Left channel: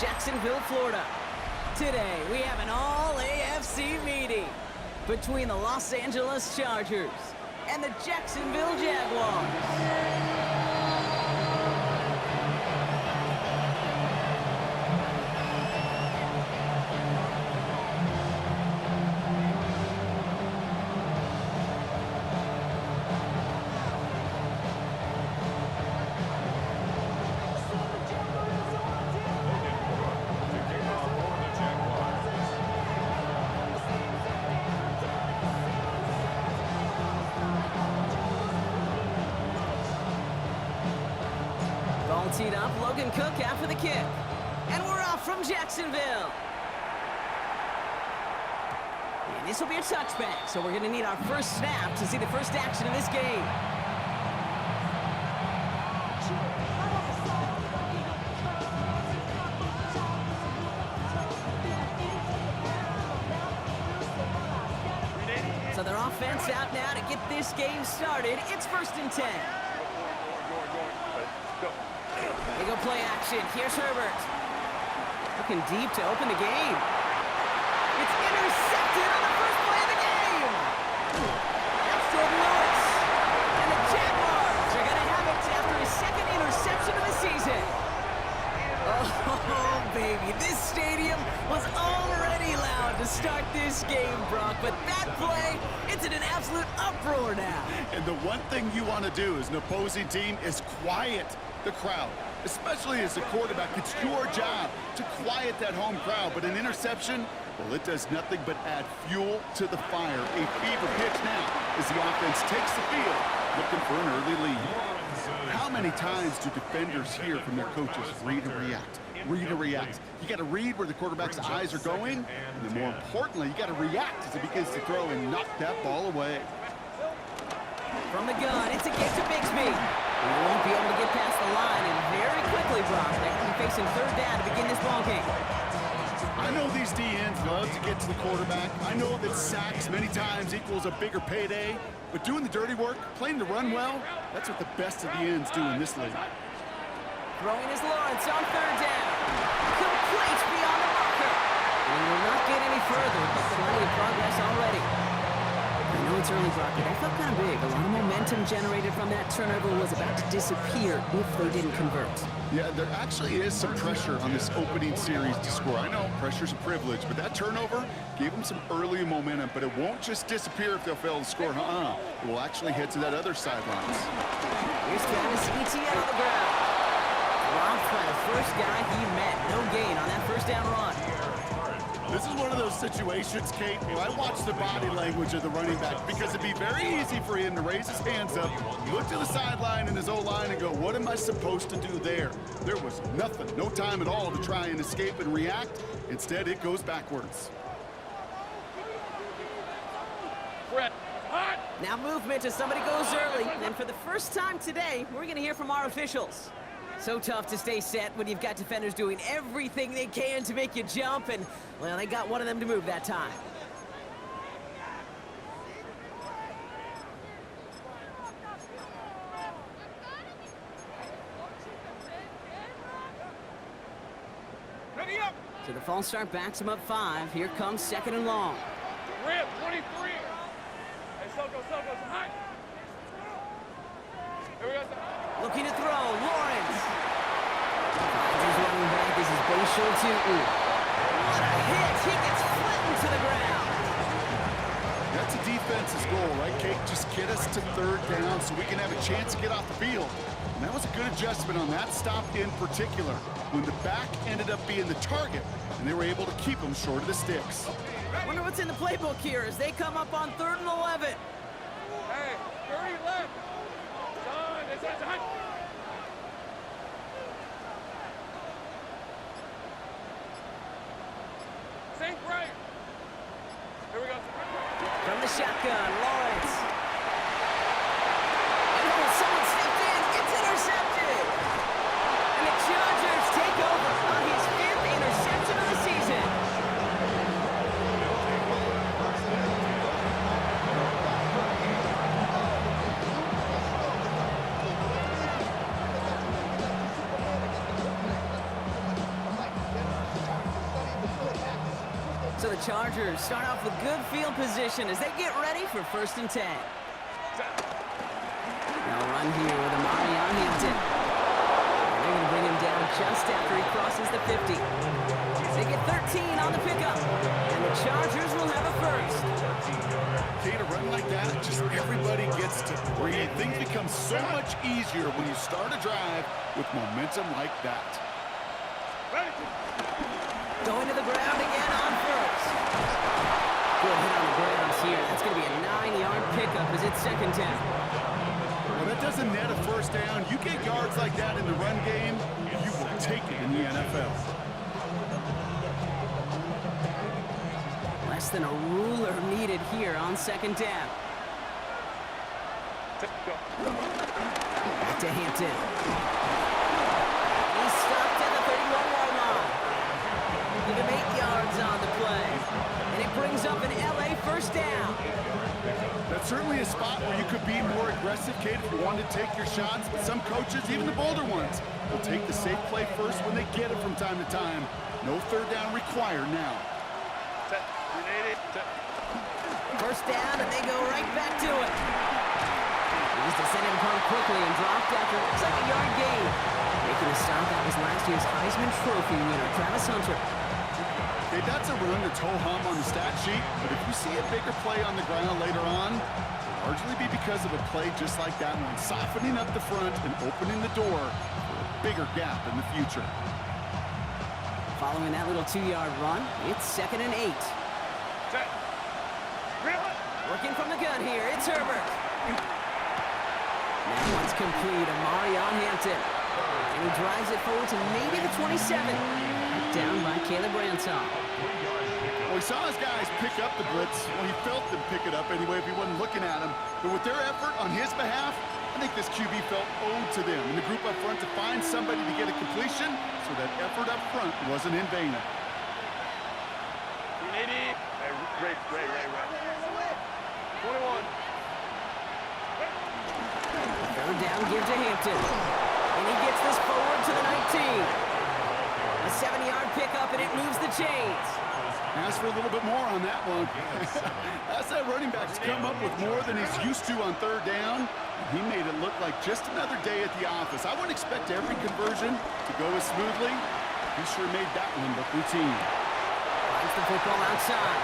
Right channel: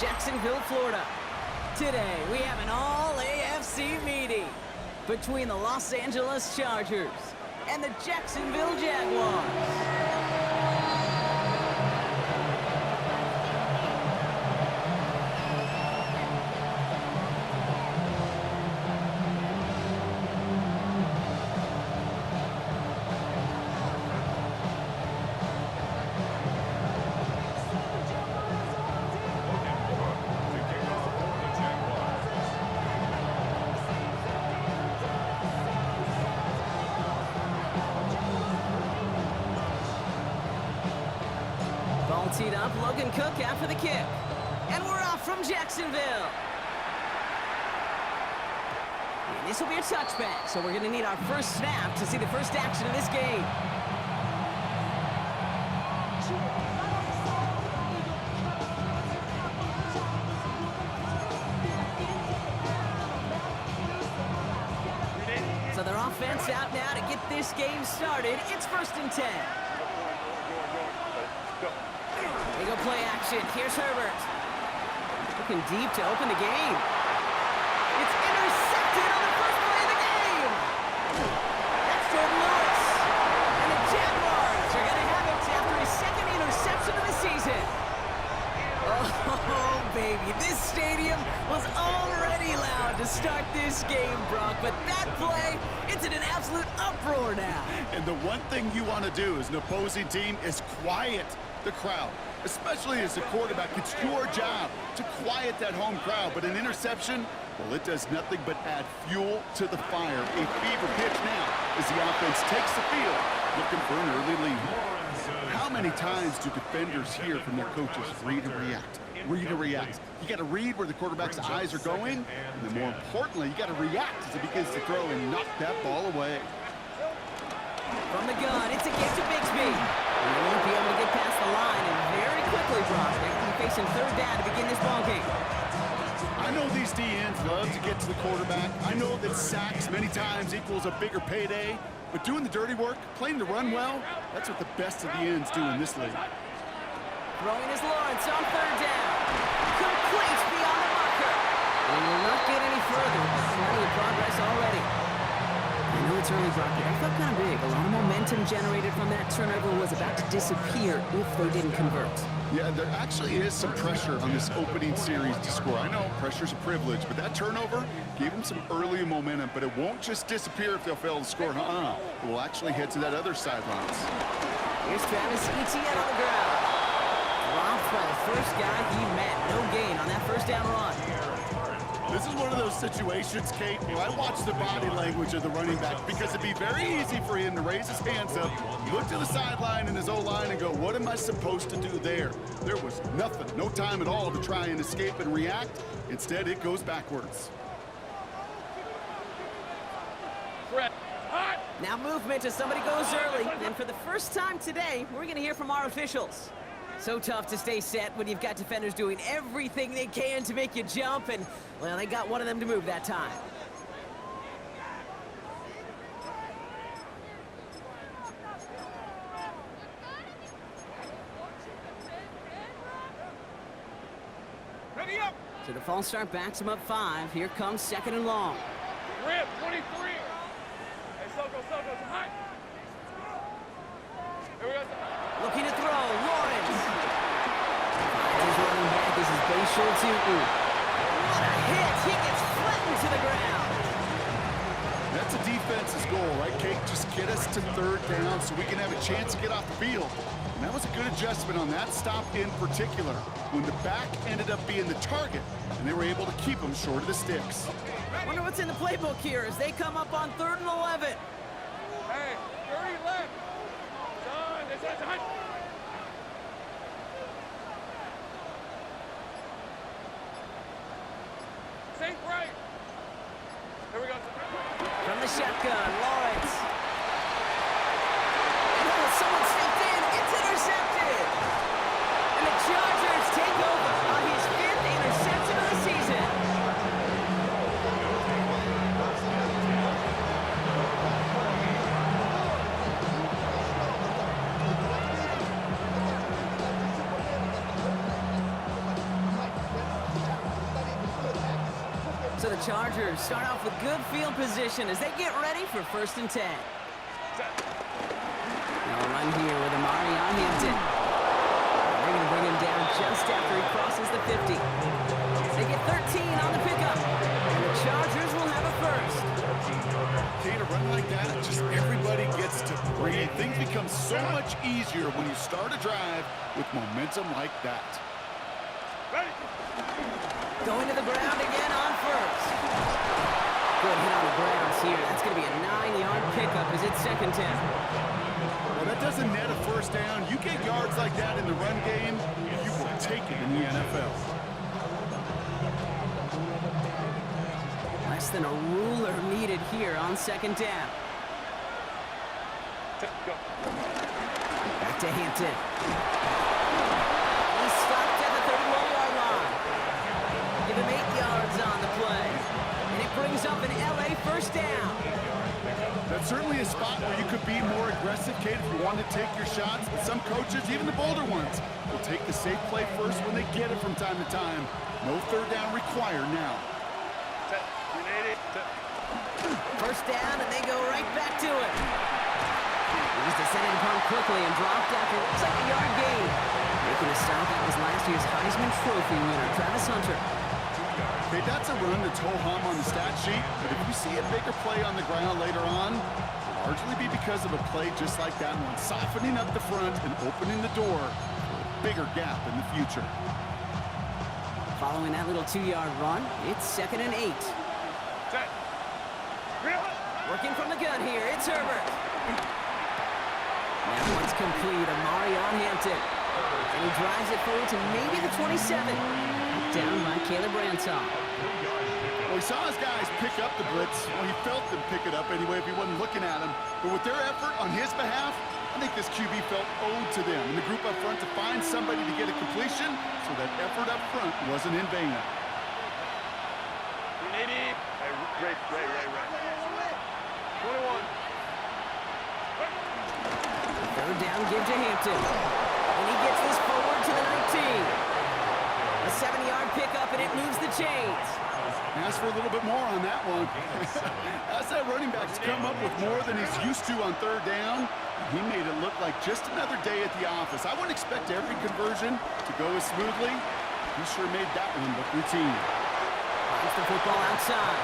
Jacksonville, Florida. Today, we have an all-AFC meeting between the Los Angeles Chargers and the Jacksonville Jaguars. Ball teed up, Logan Cook after the kick. And we're off from Jacksonville. And this will be a touchback, so we're going to need our first snap to see the first action of this game. So their offense out now to get this game started. It's 1st and 10. They go play action. Here's Herbert. Looking deep to open the game. It's intercepted on the first play of the game. That's Jordan Lewis. And the Jaguars are going to have it after his second interception of the season. Oh, baby. This stadium was already loud to start this game, Brock. But that play, it's in an absolute uproar now. And the one thing you want to do as an opposing team is quiet the crowd. Especially as a quarterback, it's your job to quiet that home crowd. But an interception, well, it does nothing but add fuel to the fire. A fever pitch now as the offense takes the field, looking for an early lead. How many times do defenders hear from their coaches, read and react, read and react? You got to read where the quarterback's eyes are going, and then more importantly, you got to react as it begins to throw and knock that ball away. From the gun, it's a give to Bixby. And they won't be able to get past the line, and very quickly, Brock, they're going to be facing 3rd down to begin this ball game. I know these DNs love to get to the quarterback. I know that sacks many times equals a bigger payday, but doing the dirty work, playing the run well, that's what the best of the ends do in this league. Throwing is Lawrence on 3rd down. Complete beyond the marker. And will not get any further, but plenty of progress already. I know it's early, Brock, but that felt kind of big. A lot of momentum generated from that turnover was about to disappear if they didn't convert. Yeah, there actually is some pressure on this opening series to score. I know pressure's a privilege, but that turnover gave them some early momentum, but it won't just disappear if they'll fail to score. It will actually head to that other sidelines. Here's Travis Etienne on the ground. Dropped by the first guy he met. No gain on that 1st down run. This is one of those situations, Kate, I watch the body language of the running back because it'd be very easy for him to raise his hands up, look to the sideline in his O-line and go, what am I supposed to do there? There was nothing, no time at all to try and escape and react. Instead, it goes backwards. Now movement as somebody goes early. And for the first time today, we're going to hear from our officials. So tough to stay set when you've got defenders doing everything they can to make you jump, and, well, they got one of them to move that time. Ready up! So the false start backs him up 5. Here comes 2nd and long. Rip, 23! Hey, Soko, high! Here we go, Looking to throw, Lawrence. Finds his running back. This is Bashul Tutu. What a hit! He gets flattened to the ground. That's a defense's goal, right, Kate? Just get us to 3rd down so we can have a chance to get off the field. And that was a good adjustment on that stop in particular, when the back ended up being the target, and they were able to keep him short of the sticks. Wonder what's in the playbook here as they come up on 3rd and 11. Hey, 30 left! Sink right. Here we go. From the shotgun, Lawrence. And someone stepped in. It's intercepted. And the Chargers take over on his 5th interception of the season. So the Chargers start off with good field position as they get ready for 1st and 10. They'll run here with Amari on Hampton. They're going to bring him down just after he crosses the 50. They get 13 on the pickup, and the Chargers will have a first. Okay, to run like that, just everybody gets to breathe. Things become so much easier when you start a drive with momentum like that. Ready? Going to the ground again on first. Good hit on the ground here. That's going to be a 9-yard pickup as it's 2nd down. Well, that doesn't net a first down. You get yards like that in the run game, you will take it in the NFL. Less than a ruler needed here on 2nd down. Go. Back to Hampton. He's stopped at the 31-yard line. Give him 8 yards on the play. And it brings up an LA first down. That's certainly a spot where you could be more aggressive, Kate, if you want to take your shots. But some coaches, even the bolder ones, will take the safe play first when they get it from time to time. No 3rd down required now. First down, and they go right back to it. He's descended upon quickly and dropped after it looks like a yard gain. Making a stop, that was last year's Heisman Trophy winner, Travis Hunter. Okay, that's a run that's ho-hum on the stat sheet, but if you see a bigger play on the ground later on, it'll largely be because of a play just like that one, softening up the front and opening the door for a bigger gap in the future. Following that little 2-yard run, it's 2nd and 8. Working from the gun here, it's Herbert. That one's complete, Amari on Hampton. And he drives it forward to maybe the 27. Down by Caleb Ransom. Well, he saw his guys pick up the blitz. Well, he felt them pick it up anyway if he wasn't looking at him. But with their effort on his behalf, I think this QB felt owed to them and the group up front to find somebody to get a completion, so that effort up front wasn't in vain. 380. Hey, Ray. 21. 3rd down, give to Hampton. And he gets this forward to the 19. A 7-yard pickup, and it moves the chains. Ask for a little bit more on that one. That's that running back's come up with more than he's used to on 3rd down. He made it look like just another day at the office. I wouldn't expect every conversion to go as smoothly. He sure made that one look routine. Finds the football outside.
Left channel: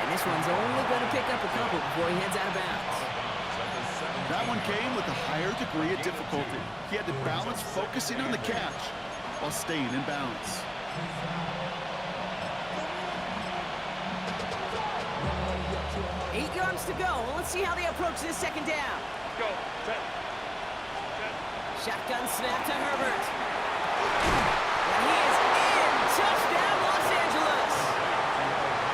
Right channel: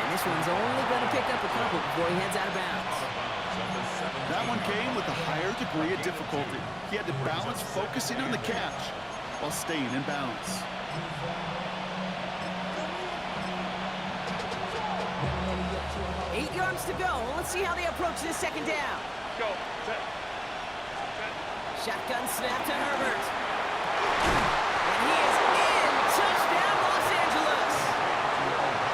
And this one's only going to pick up a couple before he heads out of bounds. That one came with a higher degree of difficulty. He had to balance focusing on the catch while staying in bounds. Eight yards to go. Let's see how they approach this 2nd down. Go. Shotgun snap to Herbert. And he is in. Touchdown, Los Angeles.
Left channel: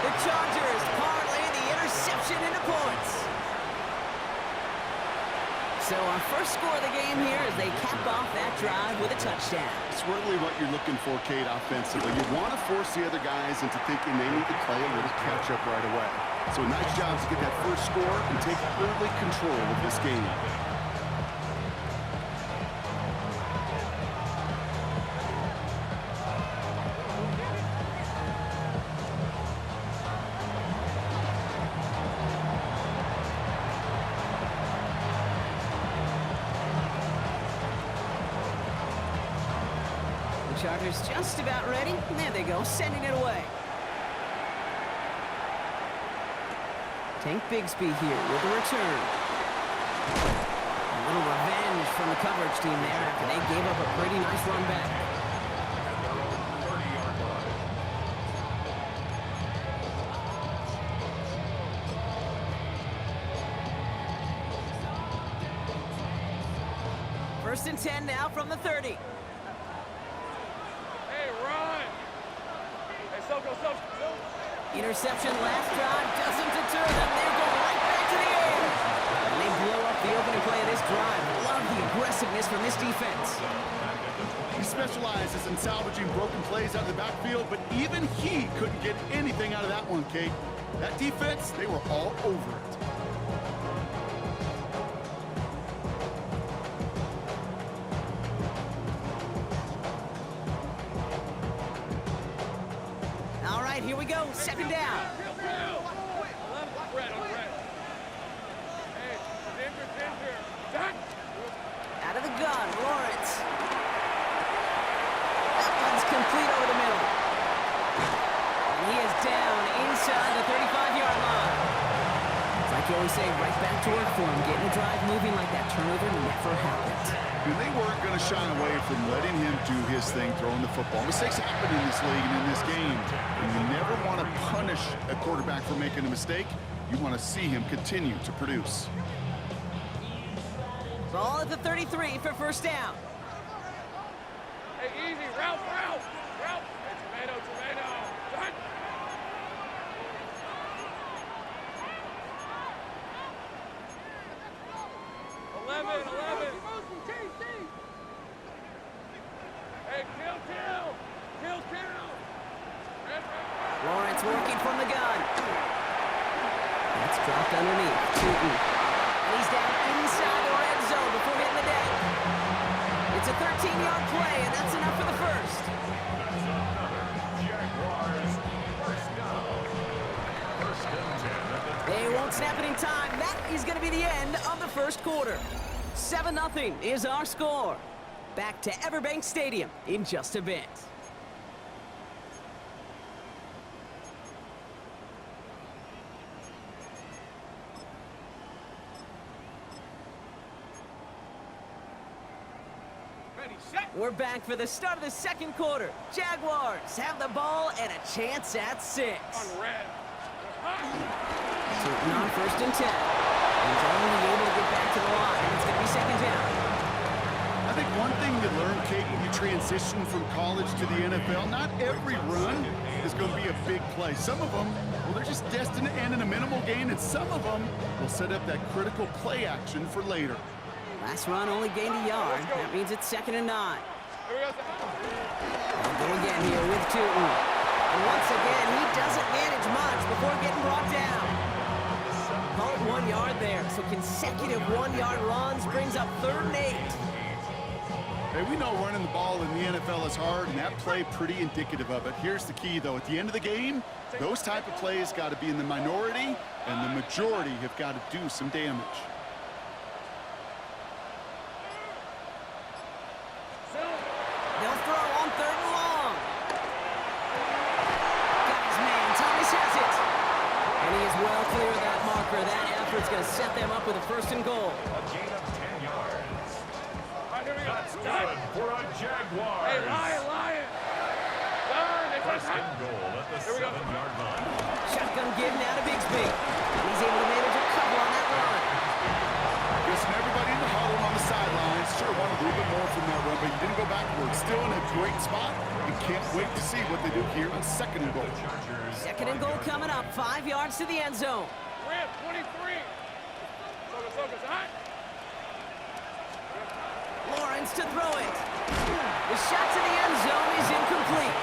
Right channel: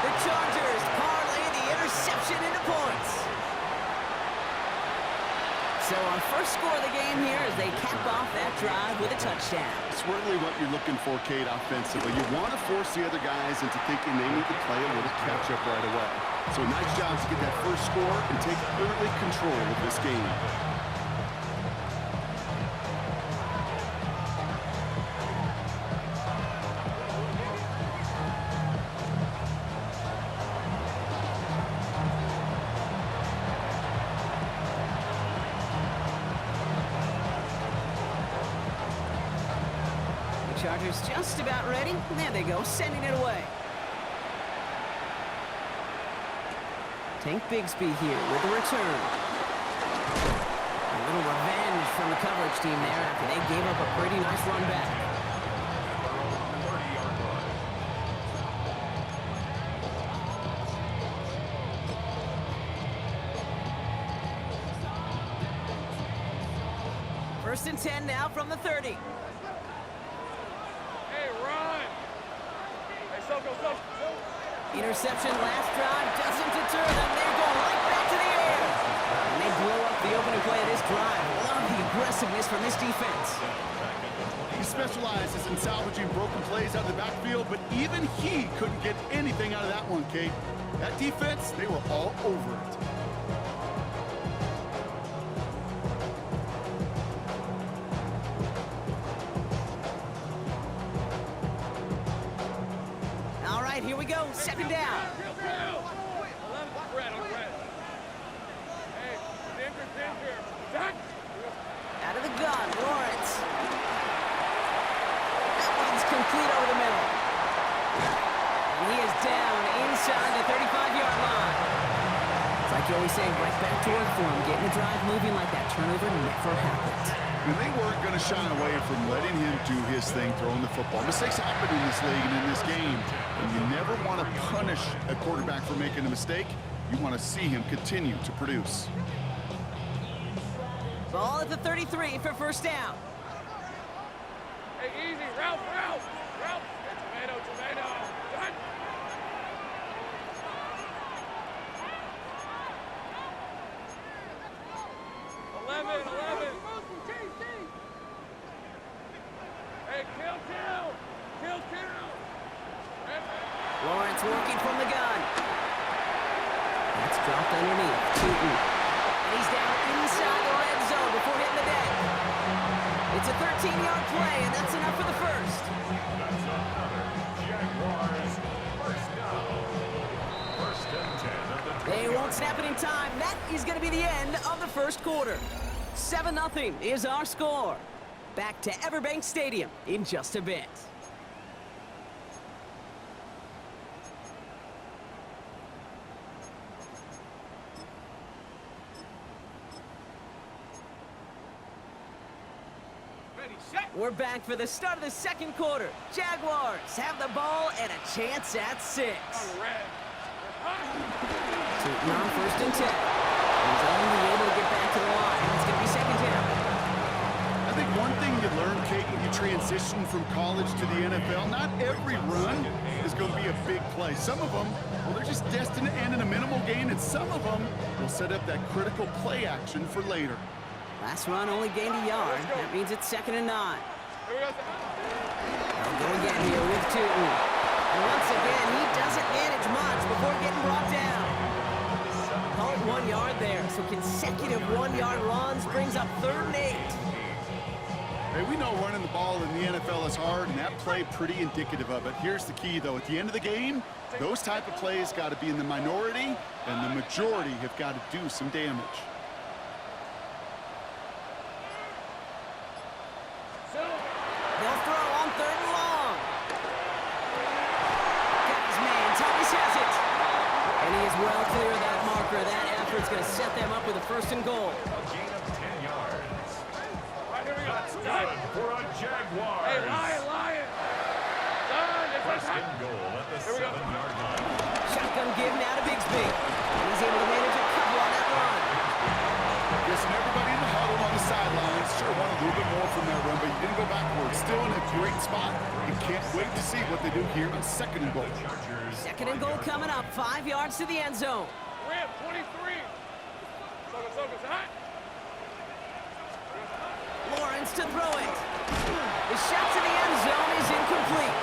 The Chargers parlay the interception into points. So our first score of the game here as they cap off that drive with a touchdown. It's really what you're looking for, Kate, offensively. You want to force the other guys into thinking they need to play a little catch-up right away. So a nice job to get that first score and take early control of this game. Chargers just about ready. There they go, sending it away. Tank Bigsby here with the return. A little revenge from the coverage team there after they gave up a pretty nice run back. First and 10 now from the 30. Interception last drive doesn't deter them. They're going right back to the air. And they blow up the opening play of this drive. Love the aggressiveness from this defense. He specializes in salvaging broken plays out of the backfield, but even he couldn't get anything out of that one, Kate. That defense, they were all over it. All right. right, here we go. Second down. 11's red on red. Hey, danger. Done. Out of the gun, Lawrence. That one's complete over the middle. And he is down inside the 35-yard line. It's like you always say, right back to work for him. Getting the drive moving like that turnover never happened. And they weren't going to shy away from letting him do his thing, throwing the football. Mistakes happen in this league and in this game. And you never want to punish a quarterback for making a mistake. You want to see him continue to produce. Ball at the 33 for first down. Hey, easy. Route. Hey, tomato. Done. Eleven. Hey, kill. Red. Lawrence working from the gun. That's dropped underneath. Tootin. And he's down inside the red zone before hitting the deck. It's a 13-yard play, and that's enough for the first. That's another Jaguars first down. First and 10 at the 20. They won't snap it in time. That is going to be the end of the first quarter. 7-0 is our score. Back to Everbank Stadium in just a bit. We're back for the start of the second quarter. Jaguars have the ball and a chance at 6. On red. Tootin on first and 10. He's only able to get back to the line. It's going to be second down. I think one thing you learn, Kate, when you transition from college to the NFL, not every run is going to be a big play. Some of them, well, they're just destined to end in a minimal gain, and some of them will set up that critical play action for later. Last run only gained a yard. That means it's 2nd and 9. Here we go. They'll go again here with Tootin. And once again, he doesn't manage much before getting brought down. Call it 1 yard there. So consecutive 1-yard runs brings up 3rd and 8. Hey, we know running the ball in the NFL is hard, and that play pretty indicative of it. Here's the key, though. At the end of the game, those type of plays got to be in the minority, and the majority have got to do some damage. They'll throw on 3rd and long. Got his man. Thomas has it. And he is well clear of that marker. That effort's going to set them up with a 1st and goal. A gain of 10 yards. All right, here we go. That's good for a Jaguars. Hey, Lion. Done. First and goal at the 7-yard line. Shotgun give now to Bigsby. And he's able to manage a couple on that run. Listen, everybody in the huddle on the sidelines sure want a little bit more from that run, but you didn't go backwards. Still in a great spot, and can't wait to see what they do here on 2nd and goal. 2nd and goal coming up. 5 yards to the end zone. Red, 23. Soka, hot. Lawrence to throw it. The shot to the end zone is incomplete.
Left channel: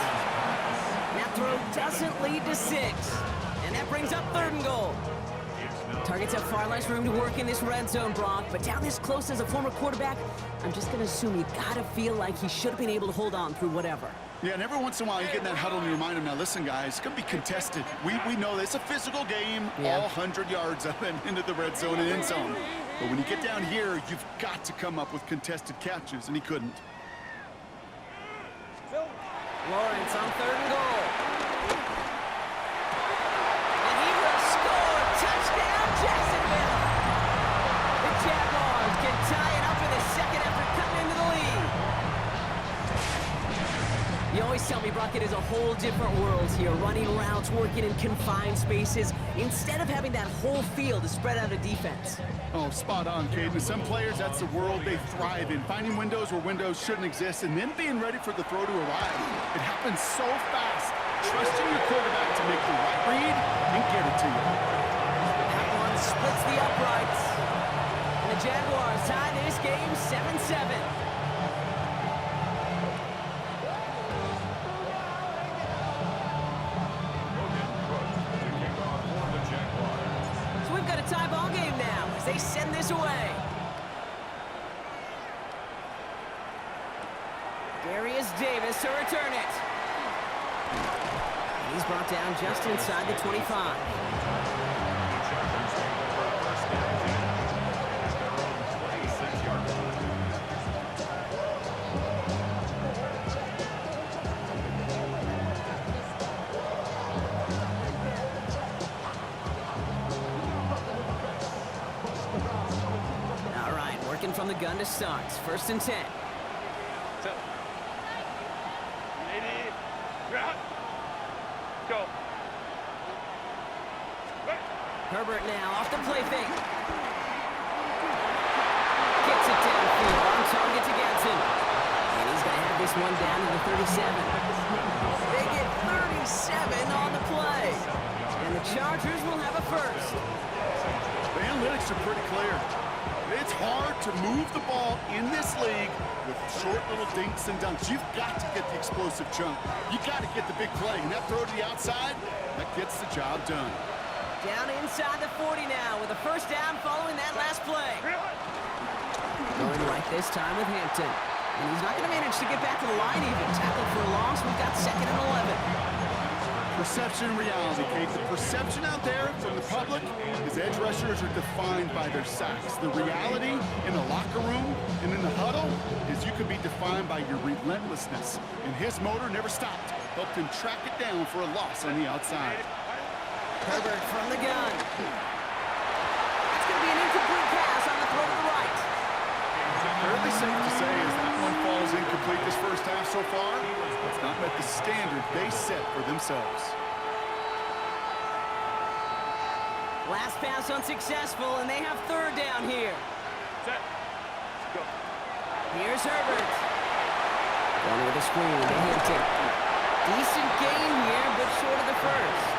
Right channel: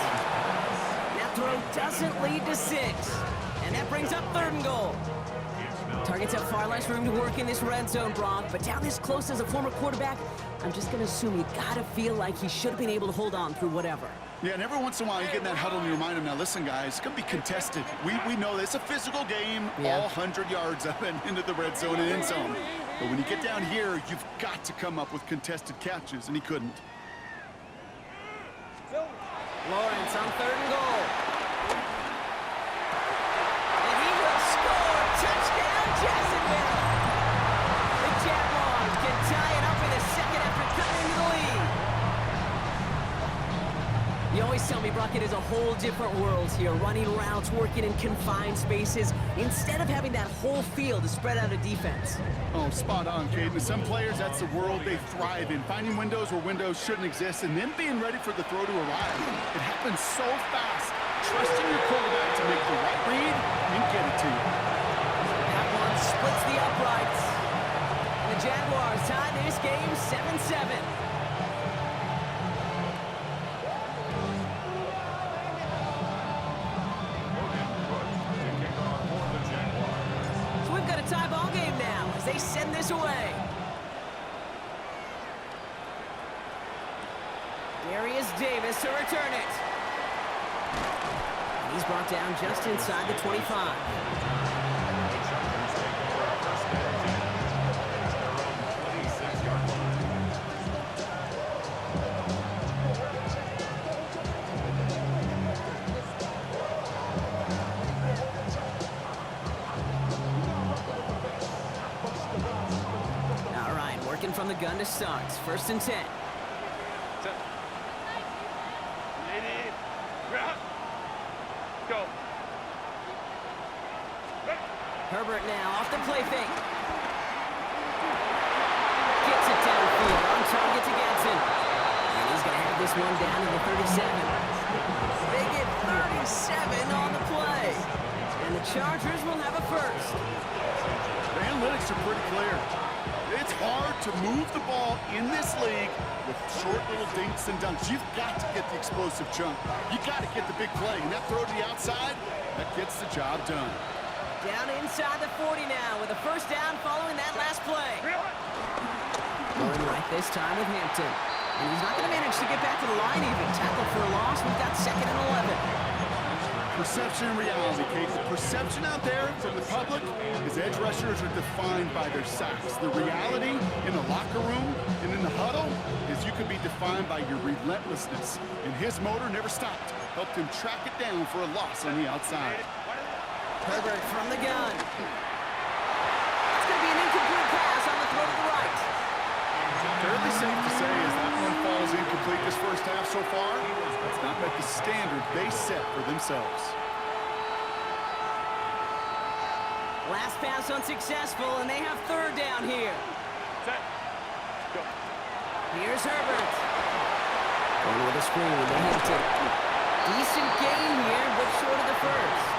That throw doesn't lead to 6. And that brings up 3rd and goal. Targets have far less room to work in this red zone, Brock, but down this close as a former quarterback, I'm just going to assume you got to feel like he should have been able to hold on through whatever. Yeah, and every once in a while you get in that huddle and you remind him, now listen, guys, it's going to be contested. We know that it's a physical game, all 100 yards up and into the red zone and end zone. But when you get down here, you've got to come up with contested catches, and he couldn't. Lawrence on 3rd and goal. And he will score. Touchdown, Jacksonville. The Jaguars can tie it up in the second after cutting into the lead. You always tell me, Brock, it is a whole different world here, running routes, working in confined spaces, instead of having that whole field to spread out a defense. Oh, spot on, Caden. Some players, that's the world they thrive in, finding windows where windows shouldn't exist, and then being ready for the throw to arrive. It happens so fast. Trusting your quarterback to make the right read and get it to you. That one splits the uprights. And the Jaguars tie this game 7-7. So we've got a tie ball game now as they send this away. Darius Davis to return it. He's brought down just inside the 25. The Chargers take over first and 10 at their own 26-yard line. All right, working from the gun to start. First and 10. Lady, grab. Go. Herbert now off the play fake. Gets it downfield on target to Gadsden. And he's going to have this one down to the 37. They get 37 on the play. And the Chargers will have a first. The analytics are pretty clear. It's hard to move the ball in this league with short little dinks and dunks. You've got to get the explosive chunk. You got to get the big play. And that throw to the outside, that gets the job done. Down inside the 40 now with a first down following that last play. Going right this time with Hampton. And he's not going to manage to get back to the line even. Tackle for a loss. We've got second and 11. Perception and reality, Kate. The perception out there from the public is edge rushers are defined by their sacks. The reality in the locker room and in the huddle is you could be defined by your relentlessness. And his motor never stopped. Helped him track it down for a loss on the outside. Herbert from the gun. That's going to be an incomplete pass on the throw to the right. Fairly safe to say as that one falls incomplete this first half so far, it's not met the standard they set for themselves. Last pass unsuccessful, and they have third down here. Set. Go. Here's Herbert. Going with a screen to Hampton. Decent gain here, but short of the first.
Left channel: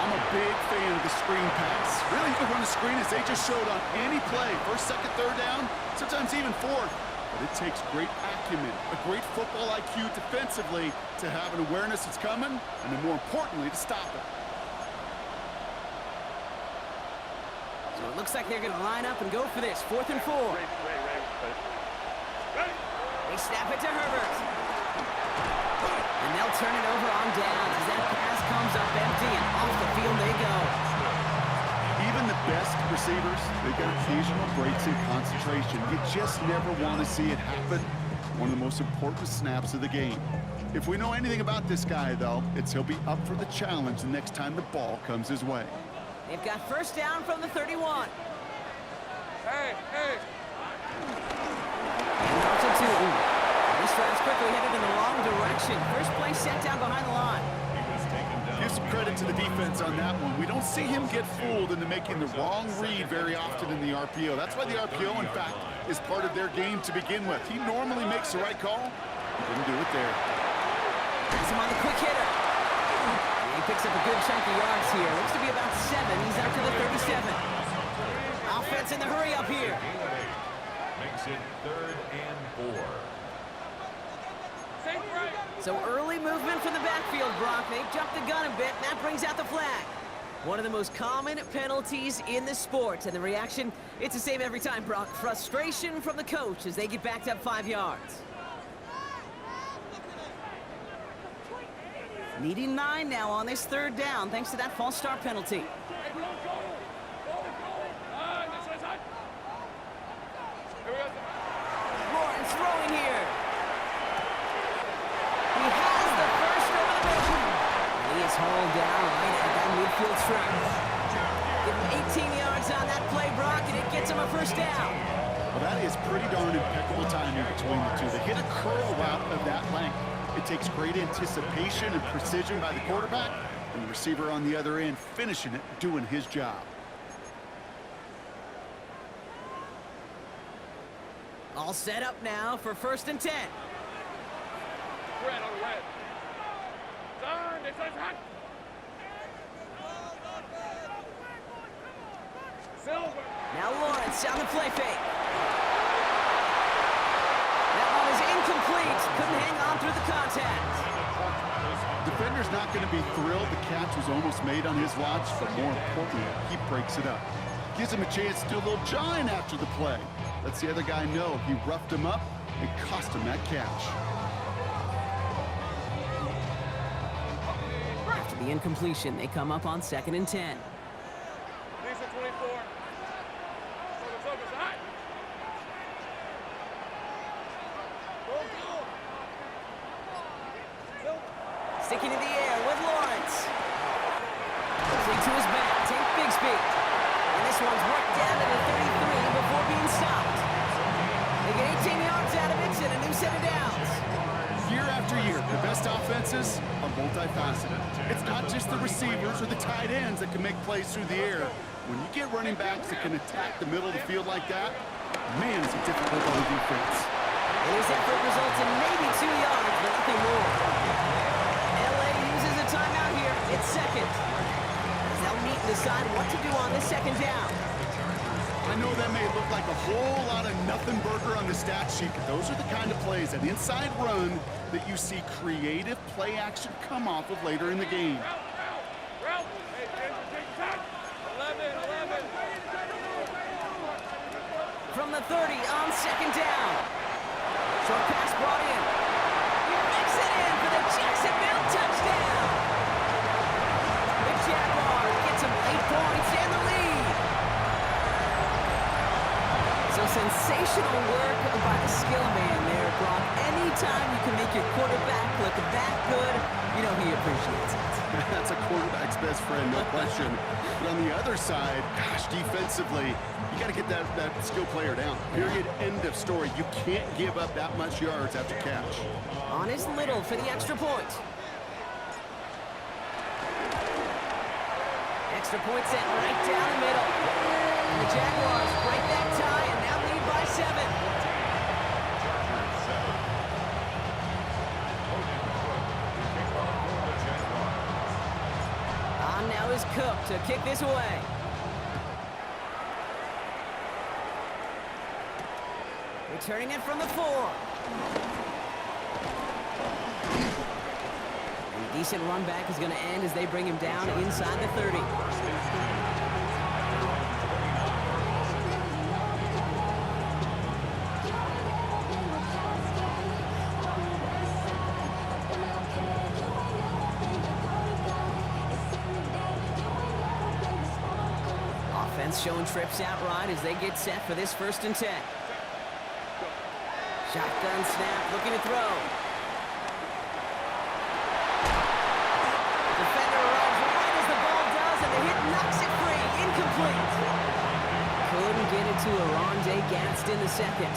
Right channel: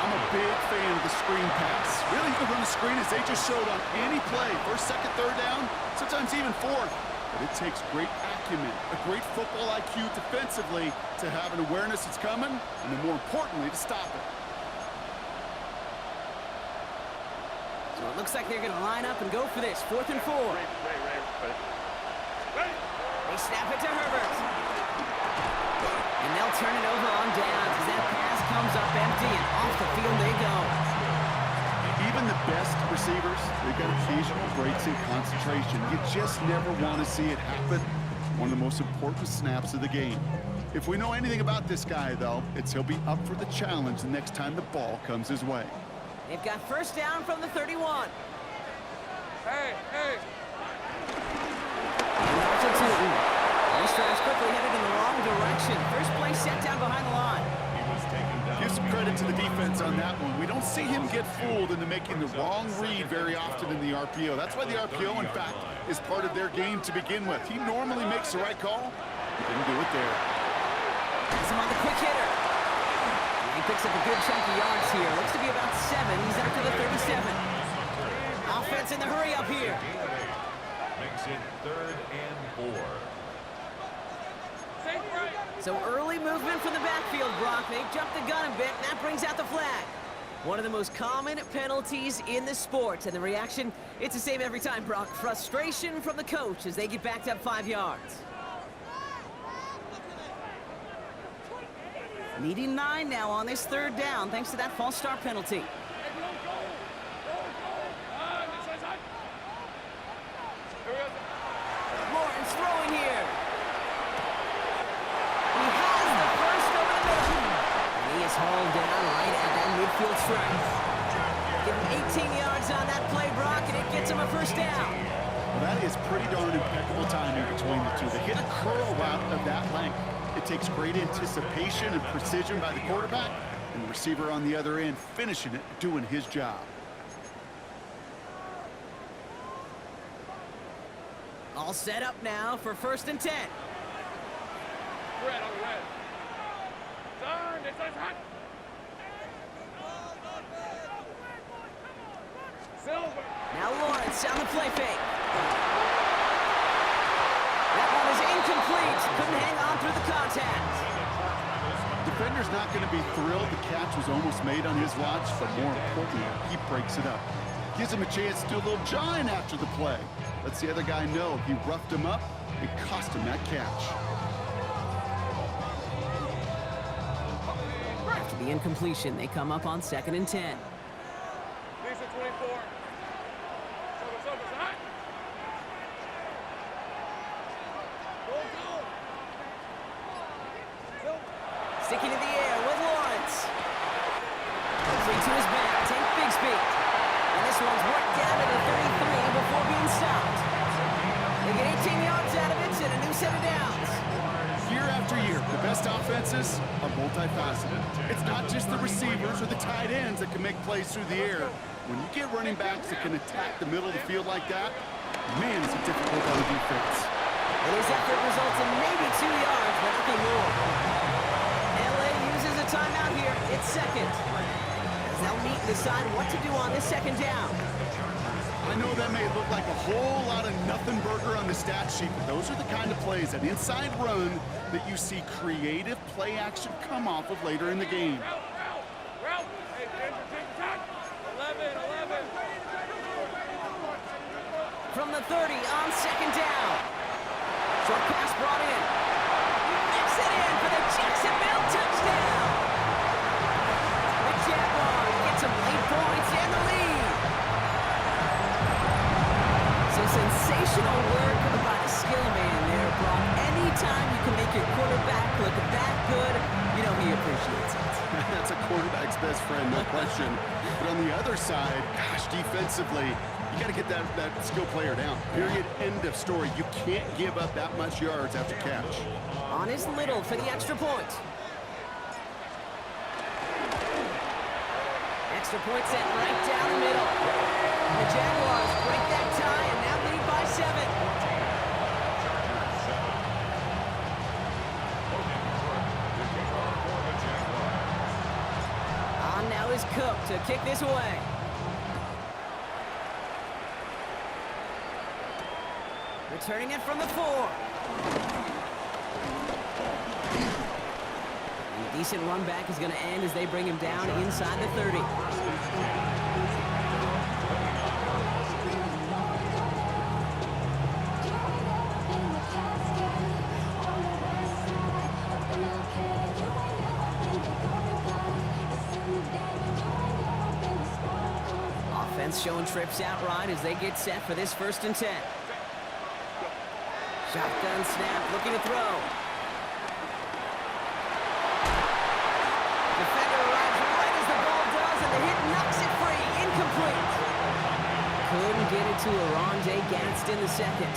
I'm a big fan of the screen pass. Really, you can run a screen as they just showed on any play. First, second, third down, sometimes even fourth. But it takes great acumen, a great football IQ defensively to have an awareness it's coming, and then more importantly, to stop it. So it looks like they're going to line up and go for this. 4th and 4. Ray. Ready. They snap it to Herbert. And they'll turn it over on downs as that pass comes up empty, and off the field they go. Even the best receivers, they've got occasional breaks in concentration. You just never want to see it happen. One of the most important snaps of the game. If we know anything about this guy, though, it's he'll be up for the challenge the next time the ball comes his way. They've got first down from the 31. Hey. And off to Tootin. This drive's quickly headed in the wrong direction. First play set down behind the line. He was taken down. Give some credit to the defense on that one. We don't see him get fooled into making the wrong read very often in the RPO. That's why the RPO, in fact, is part of their game to begin with. He normally makes the right call. He didn't do it there. Has him on the quick hitter. And he picks up a good chunk of yards here. Looks to be about 7. He's out to the 37. Offense in the hurry up here. Makes it 3rd and 4. So early movement from the backfield, Brock. They jumped the gun a bit, and that brings out the flag. One of the most common penalties in the sport, and the reaction, it's the same every time, Brock. Frustration from the coach as they get backed up 5 yards. Needing 9 now on this 3rd down, thanks to that false start penalty. Lawrence throwing here. He has the first over the middle. And he is hauled down right at that midfield stripe. Give him 18 yards on that play, Brock, and it gets him a first down. Well, that is pretty darn impeccable timing between the two. They hit a curl route of that length. It takes great anticipation and precision by the quarterback, and the receiver on the other end finishing it, doing his job. All set up now for 1st and 10. Red on red. Turn, this is hot. Silver. Now Lawrence on the play fake. That one is incomplete. Couldn't hang on through the contact. Defender's not going to be thrilled the catch was almost made on his watch, but more importantly, he breaks it up. Gives him a chance to do a little jawing after the play. Lets the other guy know he roughed him up and cost him that catch. the incompletion. They come up on 2nd and 10. Lisa 24. Focus, high. Go. Sticking in the air with Lawrence. Flick to his back, take big speed. And this one's worked down to the 33 before being stopped. They get 18 yards out of it and a new set of downs. Year after year, the best offenses are multifaceted. It's not just the receivers or the tight ends that can make plays through the air. When you get running backs that can attack the middle of the field like that, man, it's a difficult on defense. And his effort results in maybe 2 yards, but nothing more. LA uses a timeout here. It's second. As they'll meet and decide what to do on this 2nd down. I know that may look like a whole lot of nothing burger on the stat sheet, but those are the kind of plays, that inside run, that you see creative play action come off of later in the game. Route. Hey, Ginger, take your time. 11. From the 30 on 2nd down. Short pass brought in. You mix it in for the Jacksonville touchdown. The Jaguars get some late points and the lead. So sensational work by the skill man there, Brock. Anytime you can make your quarterback look that good, you know he appreciates it. That's a quarterback's best friend, no question. But on the other side, gosh, defensively, you got to get that skill player down. Period, end of story. You can't give up that much yards after catch. On his Little for the extra point. Extra point set right down the middle. And the Jaguars break that tie and now lead by 7. Chargers 7. Logan Cook to kick off for the Jaguars. On now is Cook to kick this away. Returning it from the 4. And a decent run back is going to end as they bring him down inside the 30. Offense showing trips out right as they get set for this 1st and 10. Shotgun snap, looking to throw. Defender arrives right as the ball does, and the hit knocks it free. Incomplete. Couldn't get it to Aronde Gadsden the 2nd.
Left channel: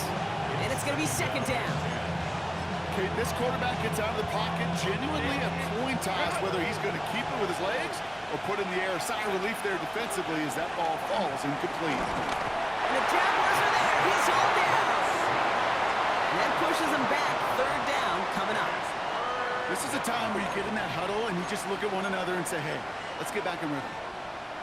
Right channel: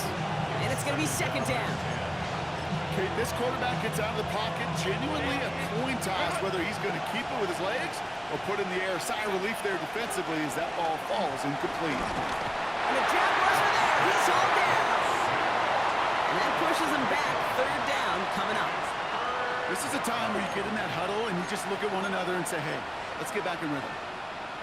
And it's going to be 2nd down. Okay, this quarterback gets out of the pocket, genuinely a coin toss, whether he's going to keep it with his legs or put in the air. Sigh of relief there defensively as that ball falls incomplete. And the Jaguars are there. He's all down. And that pushes them back. 3rd down coming up. This is a time where you get in that huddle and you just look at one another and say, hey, let's get back in rhythm.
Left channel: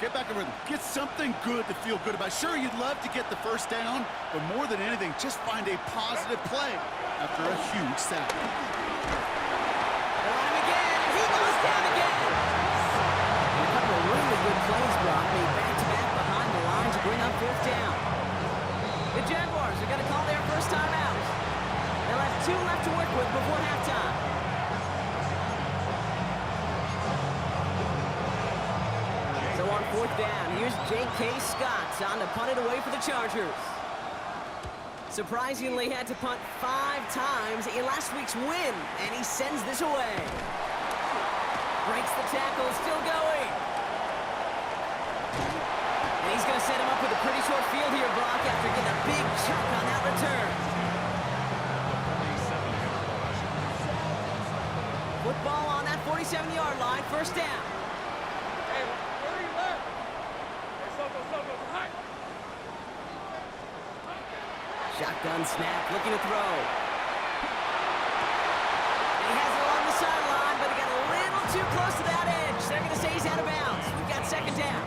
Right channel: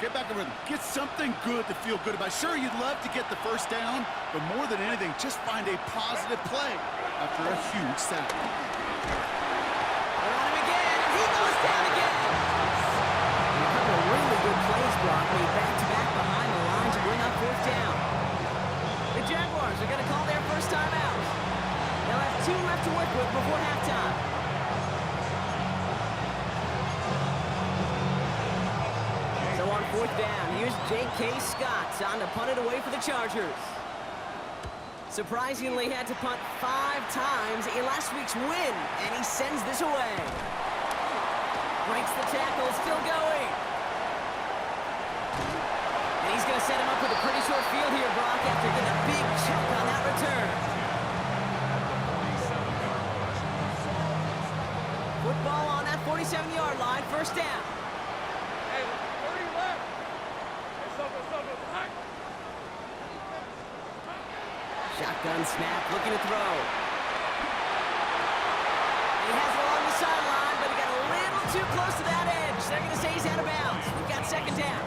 Get back in rhythm. Get something good to feel good about. Sure, you'd love to get the 1st down, but more than anything, just find a positive play after a huge sack. They're on him again, and he goes down again. And a couple of really good plays, Brock, made back-to-back behind the line to bring up 4th down. The Jaguars are going to call their first time out. They'll have 2 left to work with before halftime. So on 4th down, here's J.K. Scott on to punt it away for the Chargers. Surprisingly had to punt 5 times in last week's win, and he sends this away. Breaks the tackle, still going. And he's going to set him up with a pretty short field here, Brock, after getting a big chunk on that return. Football on that 47-yard line, 1st down. Hey, where are you left? Hey, Soko, high. Shotgun snap, looking to throw. And he has it along the sideline, but he got a little too close to that edge. They're going to say he's out of bounds. We've got 2nd down.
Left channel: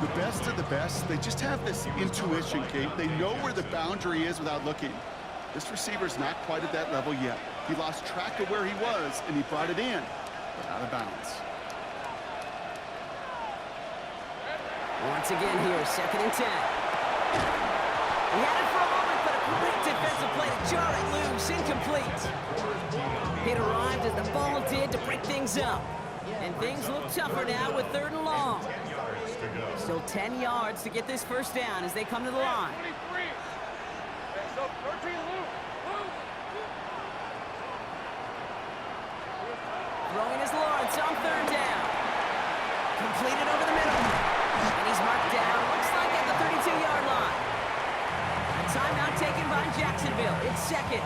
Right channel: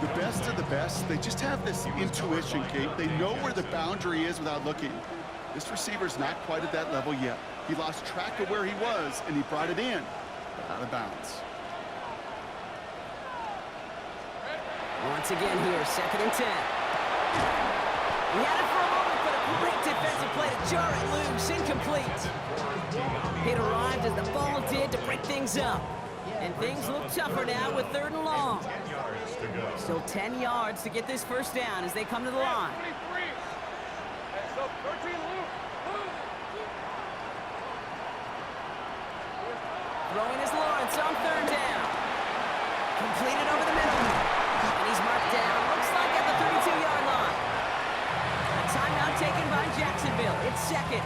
The best of the best, they just have this intuition, Kate. They know where the boundary is without looking. This receiver's not quite at that level yet. He lost track of where he was, and he brought it in, but out of bounds. Once again here, 2nd and 10. He had it for a moment, but a great defensive play to jar it loose. Incomplete. It arrived as the ball did to break things up. And things look tougher now with 3rd and long. 10 yards to go. Still 10 yards to get this first down as they come to the line. 23. Hey, so 13, Luke. Throwing is Lawrence on 3rd down. Completed over the middle. And he's marked down, looks like at the 32-yard line. A timeout taken by Jacksonville. It's 2nd.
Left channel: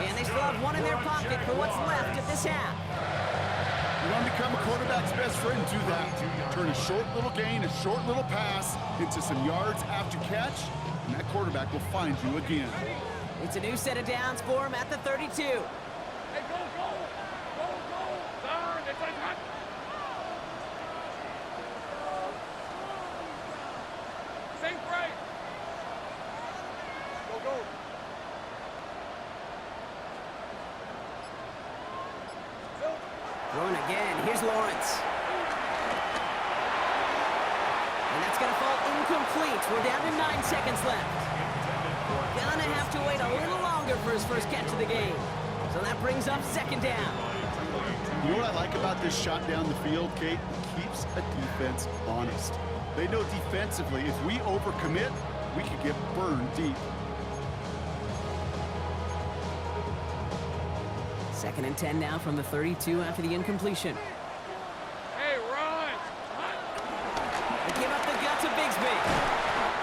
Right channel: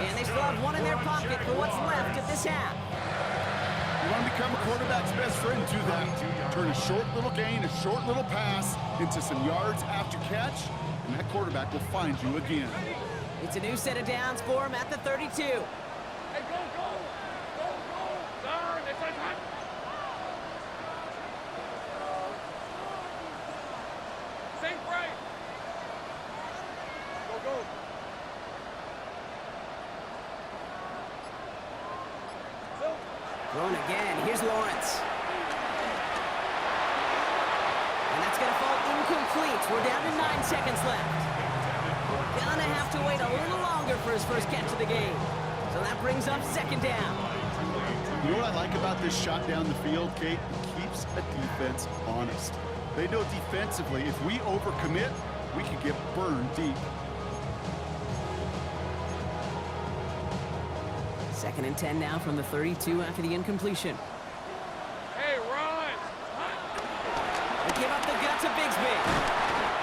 And they still have 1 in their pocket for what's left of this half. You want to become a quarterback's best friend, do that. Turn a short little gain, a short little pass into some yards after catch, and that quarterback will find you again. It's a new set of downs for him at the 32. Hey, go, go. Go, go. Darn, it's a hot. Think right. Go, go. Phil. Thrown again. Here's Lawrence. And that's going to fall incomplete. We're down to 9 seconds left. Gonna have to wait a little longer for his first catch of the game. So that brings up 2nd down. You know what I like about this shot down the field, Kate? It keeps a defense honest. They know defensively, if we overcommit, we could get burned deep. 2nd and 10 now from the 32 after the incompletion. Hey, Ron. They give up the gut to Bigsby.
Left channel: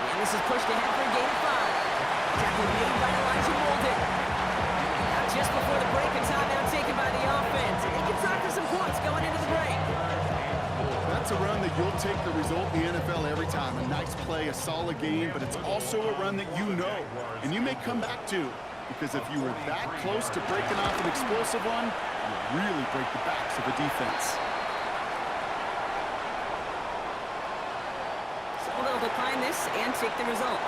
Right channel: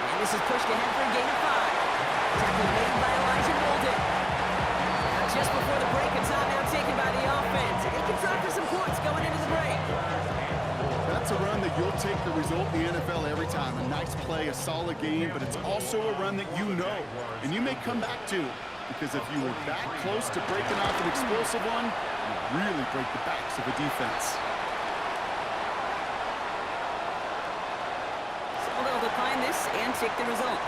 And this is pushed ahead for a gain of 5. Tackle made by Elijah Molden. Now just before the break, a timeout taken by the offense. They can try for some points going into the break. That's a run that you'll take the result in the NFL every time. A nice play, a solid game, but it's also a run that you know, and you may come back to. Because if you were that close to breaking off an explosive one, you really break the backs of a defense. So they'll decline this and take the result.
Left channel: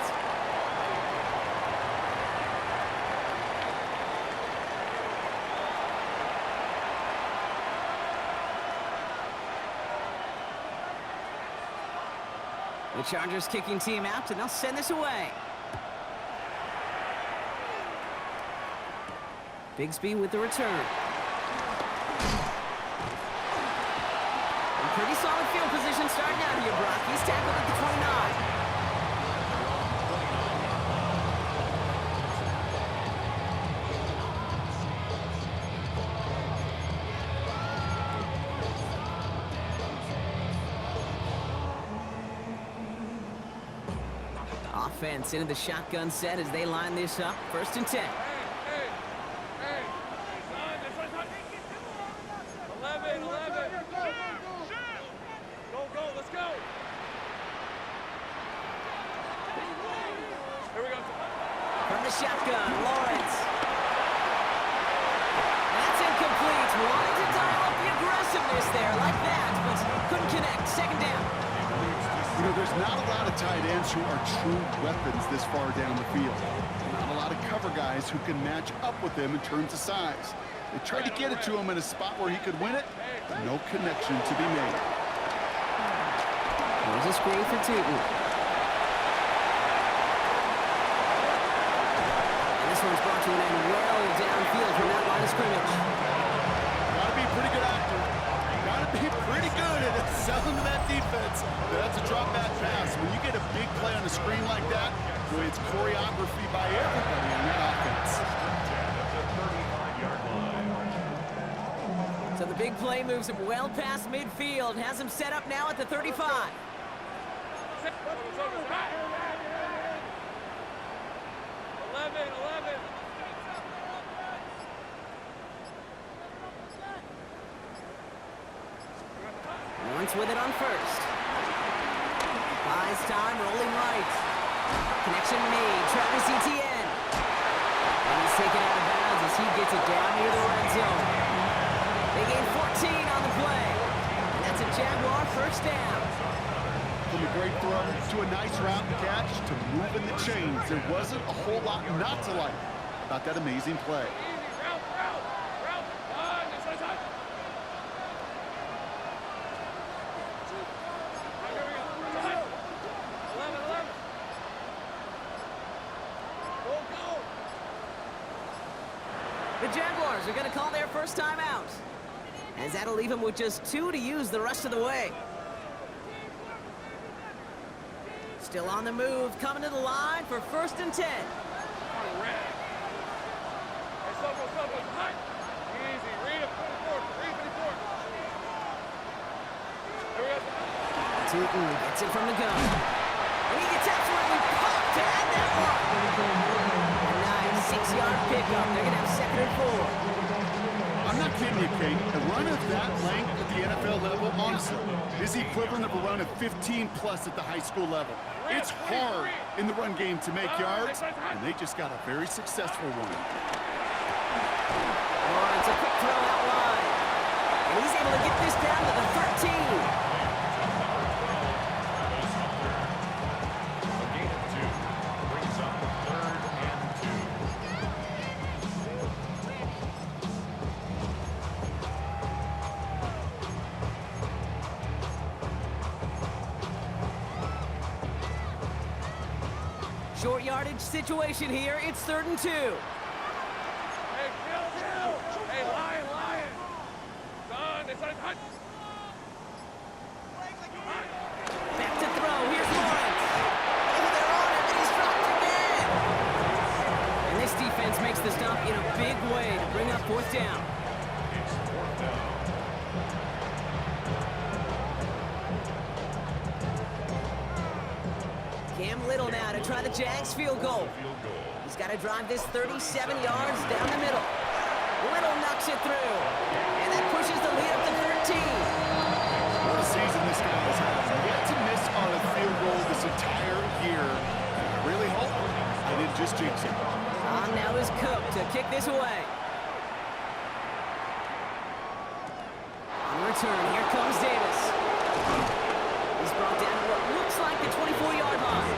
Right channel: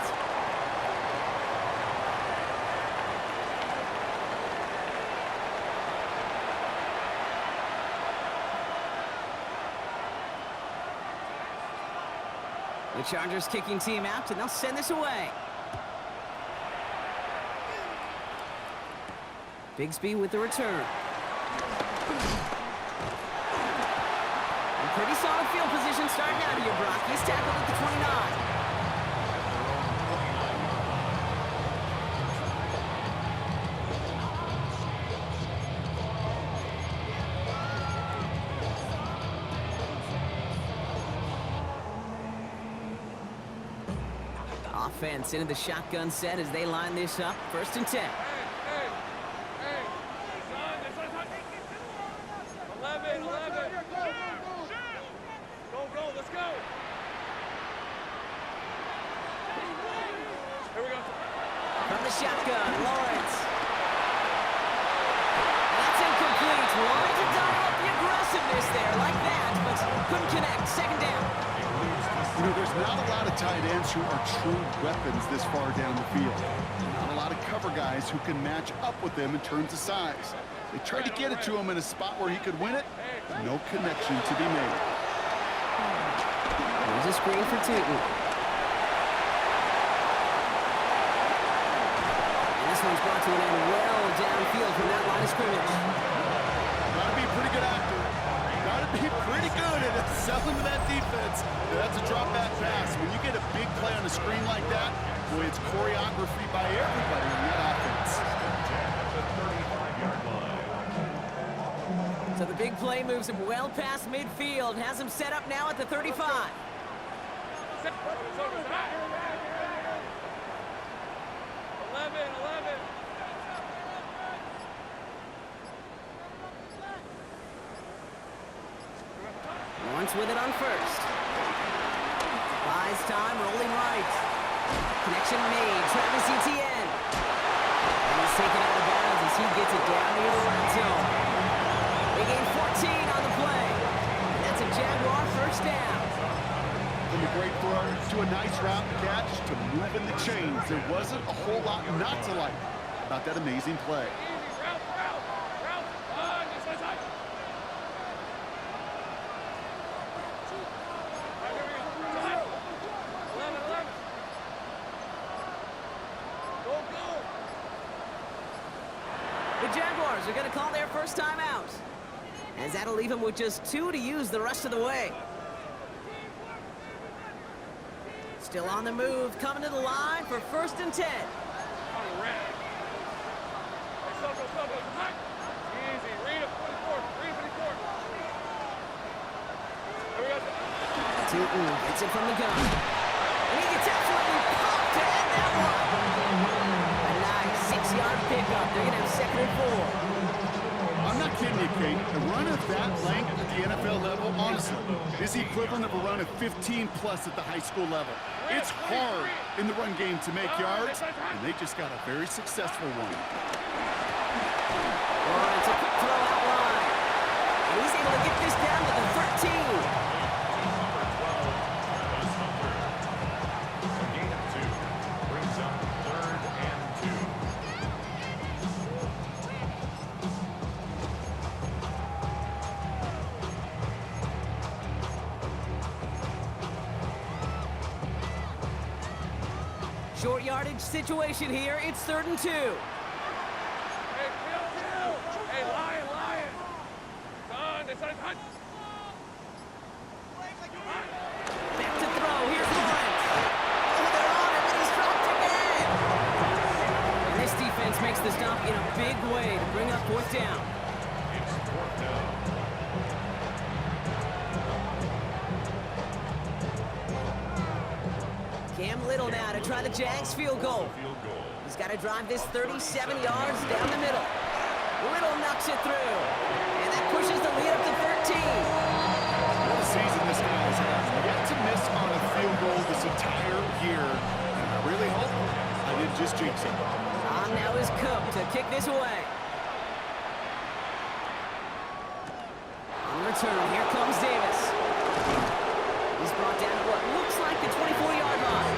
The Chargers kicking team out, and they'll send this away. Bigsby with the return. And pretty solid field position starting out here, Brock. He's tackled at the 29. At their own 29-yard line. Offense into the shotgun set as they line this up. 1st and 10. Hey, son, this one's hot. 11. Go, let's go. Here we go. From the shotgun, Lawrence. That's incomplete. Wanting to dial up the aggressiveness there like that, but couldn't connect. 2nd down. You know, there's not a lot of tight ends who are true weapons this far down the field. Not a lot of cover guys who can match up with them in terms of size. They tried to get it to him in a spot where he could win it, but no connection to be made. There's a screen for Tootin. And this one's brought to an end well downfield from that line of scrimmage. Got to be a pretty good actor. Got to be pretty good at selling to that defense. That's a drop back pass. When you get a big play on a screen like that, boy, it's choreography by everybody on that offense. 1st and 10 at the 35-yard line. So the big play moves him well past midfield, has him set up now at the 35. 11. Lawrence with it on 1st. Buys time, rolling right. Connection made, Travis Etienne. And he's taken out of bounds as he gets it down near the red zone. They gain 14 on the play. And that's a Jaguar 1st down. From a great throw to a nice route and catch to moving the chains, there wasn't a whole lot not to like about that amazing play. Easy, route. This one's hot. Here we go. 11. Go. The Jaguars are going to call their first time out. As that'll leave him with just 2 to use the rest of the way. Still on the move, coming to the line for 1st and 10. On red. Hey, Soko, hot. Easy, read it, 24, read 24. Here we go. Tootin gets it from the gun. And he gets absolutely popped to end that one. A nice 6-yard pickup. They're going to have 2nd and 4. I'm not kidding you, Kate. A run of that length at the NFL level, honestly, is the equivalent of a run of 15-plus at the high school level. It's hard in the run game to make yards, and they just got a very successful one. Lawrence, a quick throw out wide. And he's able to get this down to the 13. A gain of 2 brings up 3rd and 2. Short yardage situation here. It's 3rd and 2. Hey, kill. Hey, lion. Son, it's hot. Back to throw. Here's Lawrence. Oh, they're on him, and he's dropped again. And this defense makes the stop in a big way to bring up 4th down. It's 4th down. Cam Little now to try the Jags field goal. He's got to drive this 37 yards down the middle. Little knocks it through. And that pushes the lead up to 13. What a season this guy has had. Yet to miss on a field goal this entire year. And I really hope I didn't just jinx him. On now is Cook to kick this away. On return, here comes Davis. He's brought down at what looks like the 24-yard line.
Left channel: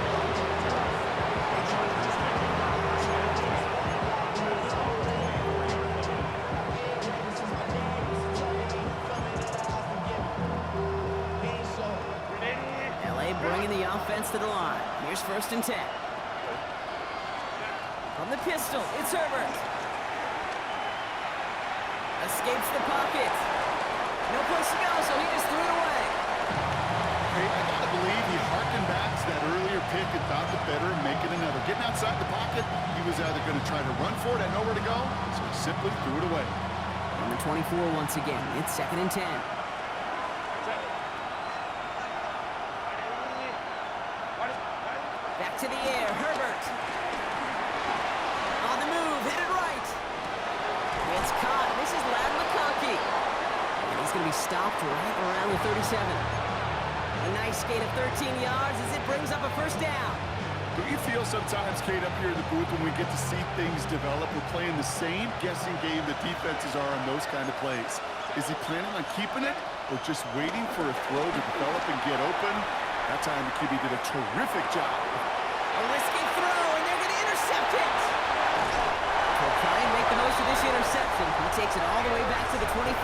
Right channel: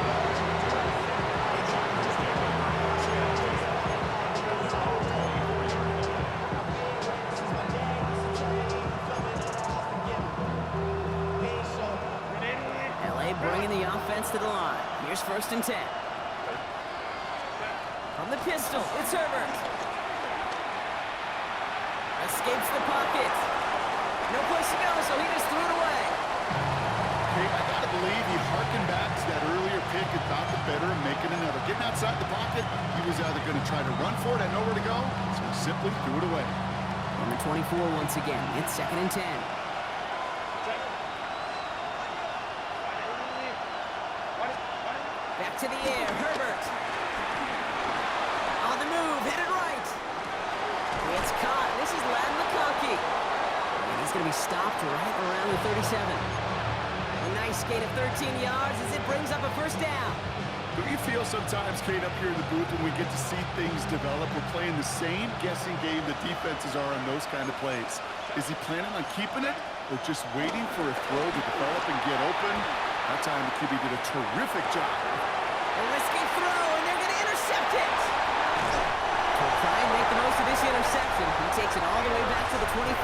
LA bringing the offense to the line. Here's 1st and 10. From the pistol, it's Herbert. Escapes the pocket. No place to go, so he just threw it away. Hey, I gotta believe he harkened back to that earlier pick and thought the better of making another. Getting outside the pocket, he was either going to try to run for it, had nowhere to go, so he simply threw it away. On the 24 once again, it's 2nd and 10. Back to the air, Herbert. On the move, headed right. It's caught. This is Ladd McConkey. And he's going to be stopped right around the 37. A nice gain of 13 yards as it brings up a 1st down. Don't you feel sometimes, Kate, up here in the booth when we get to see things develop, we're playing the same guessing game that defenses are on those kind of plays? Is he planning on keeping it or just waiting for a throw to develop and get open? That time the QB did a terrific job. A risky throw, and they're going to intercept it. He'll try and make the most of this interception. He takes it all the way back to the 25.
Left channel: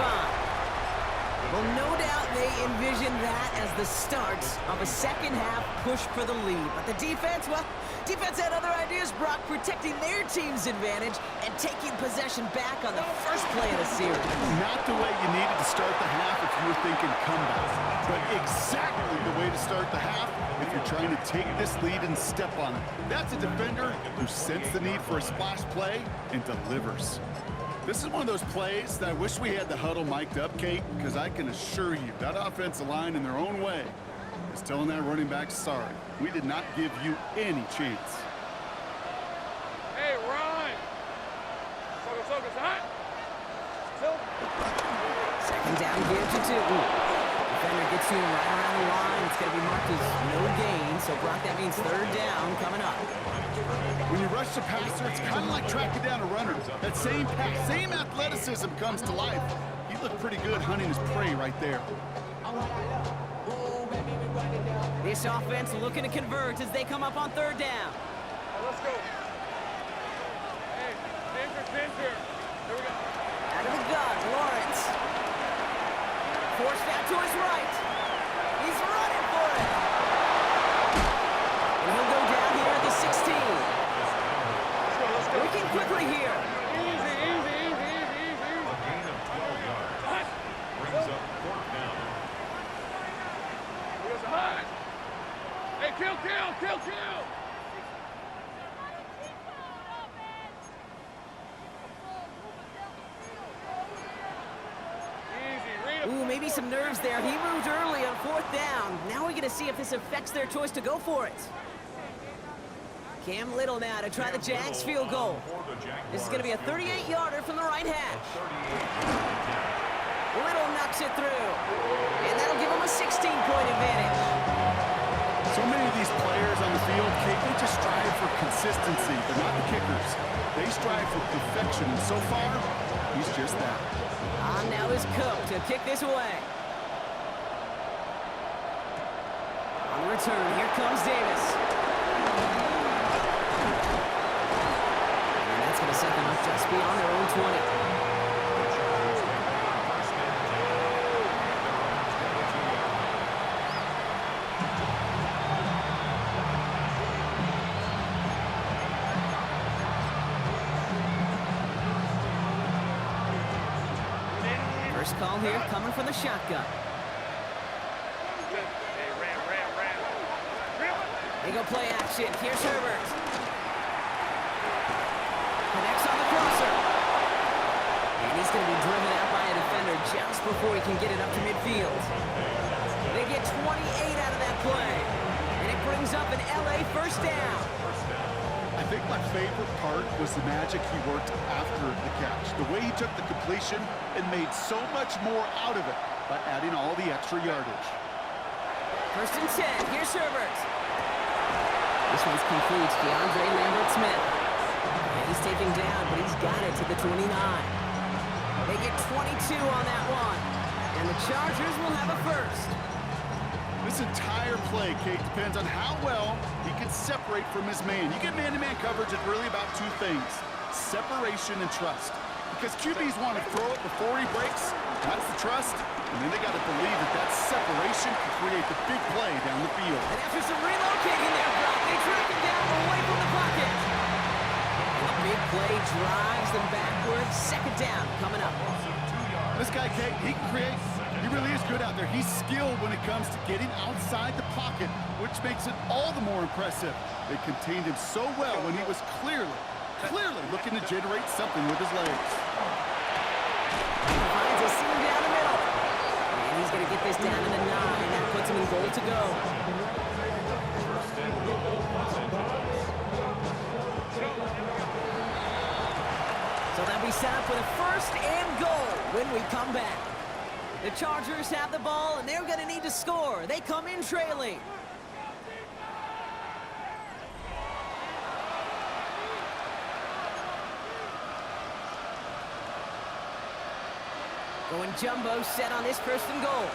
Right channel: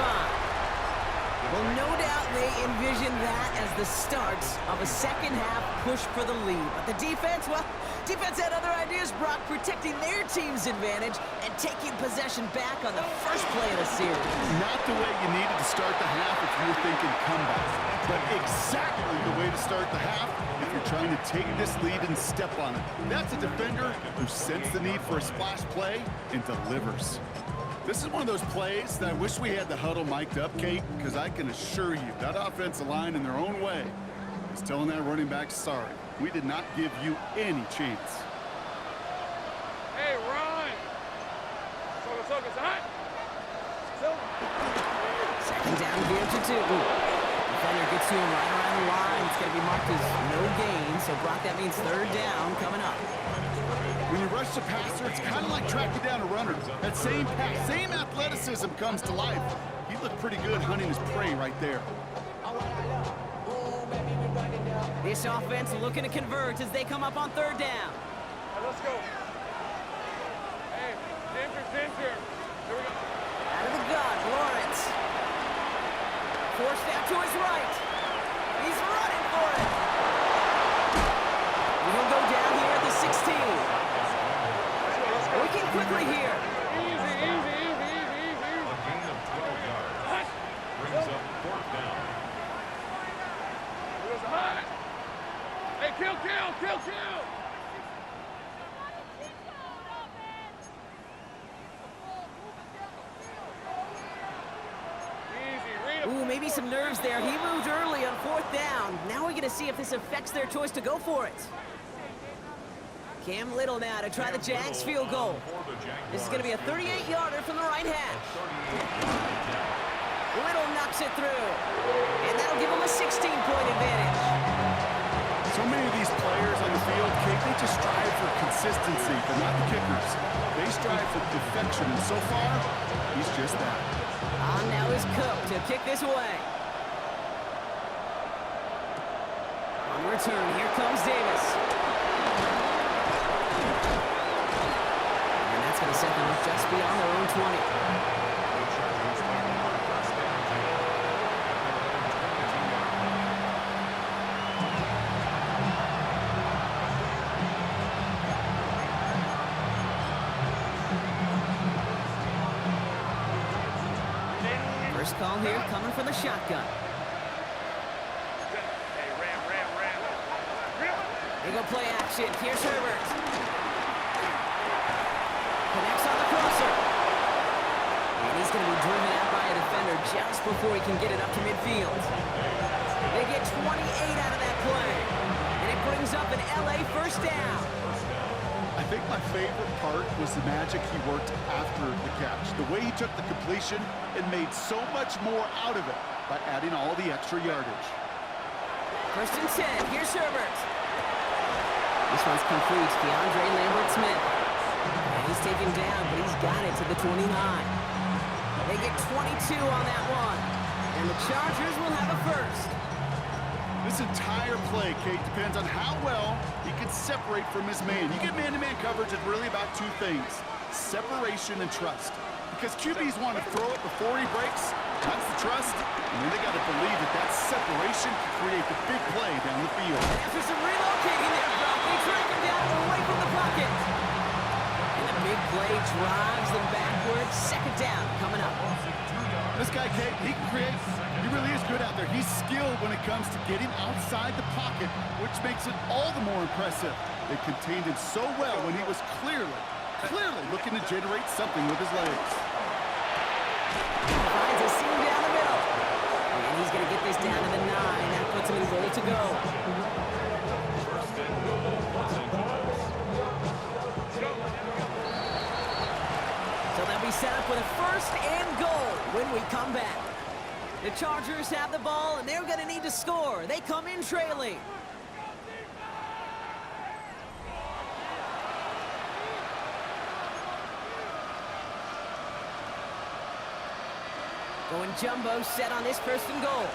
Well, no doubt they envision that as the start of a second-half push for the lead. But the defense, well, defense had other ideas, Brock, protecting their team's advantage and taking possession back on the first play of the series. Not the way you needed to start the half if you were thinking comeback, but exactly the way to start the half if you're trying to take this lead and step on it. That's a defender who sensed the need for a splash play and delivers. This is one of those plays that I wish we had the huddle mic'd up, Kate, because I can assure you that offensive line in their own way is telling that running back, sorry, we did not give you any chance. Hey, run! Soko, it's hot. Second down give to Tootin. Defender gets to him right around the line. It's going to be marked as no gain, so Brock, that means 3rd down coming up. When you rush the passer, it's kind of like tracking down a runner. That same pass, same athleticism comes to life. He looked pretty good hunting his prey right there. This offense looking to convert as they come up on 3rd down. Right, let's go. Hey, Ginger. Here we go. Out of the gun, Lawrence. Forced out to his right. He's running for it. And he'll go down here at the 16. Let's go. Working quickly here. Easy. A gain of 12 yards. Hot. kill, kill, kill, kill! Ooh, maybe some nerves there. He moved early on 4th down. Now we're going to see if this affects their choice to go for it. Cam Little now to try the Jags field goal. This is going to be a 38-yarder from the right hash. Little knocks it through. And that'll give him a 16-point advantage. So many of these players on the field, Kate, they just strive for consistency, but not the kickers. They strive for perfection, and so far, he's just that. On now is Cook to kick this away. On return, here comes Davis. And that's going to set them up just beyond their own 20. The Chargers take over first and 10 at their own 22-yard line. First call here coming from the shotgun. Hey, ram. They go play action. Here's Herbert. Connects on the crosser. And he's going to be driven out by a defender just before he can get it up to midfield. They get 28 out of that play. And it brings up an LA first down. I think my favorite part was the magic he worked after the catch. The way he took the completion and made so much more out of it by adding all the extra yardage. First and 10. Here's Herbert. This one's complete. DeAndre Lambert-Smith. And he's taken down, but he's got it to the 29. They get 22 on that one. And the Chargers will have a first. This entire play, Kate, depends on how well he can separate from his man. You get man-to-man coverage, it's really about two things: separation and trust. Because QBs want to throw it before he breaks, that's the trust, and then they got to believe that that separation can create the big play down the field. And after some relocating there, Brock, they track him down away from the pocket. And the big play drives them backwards. Second down coming up. This guy, Kate, he can create. He really is good out there. He's skilled when it comes to getting outside the pocket, which makes it all the more impressive. They contained him so well when he was clearly looking to generate something with his legs. Finds a seam down the middle. And he's going to get this down to the 9. That puts him in goal to go. First and goal, Los Angeles. So they'll be set up with a first and goal when we come back. The Chargers have the ball, and they're going to need to score. They come in trailing. Going jumbo set on this first and goal.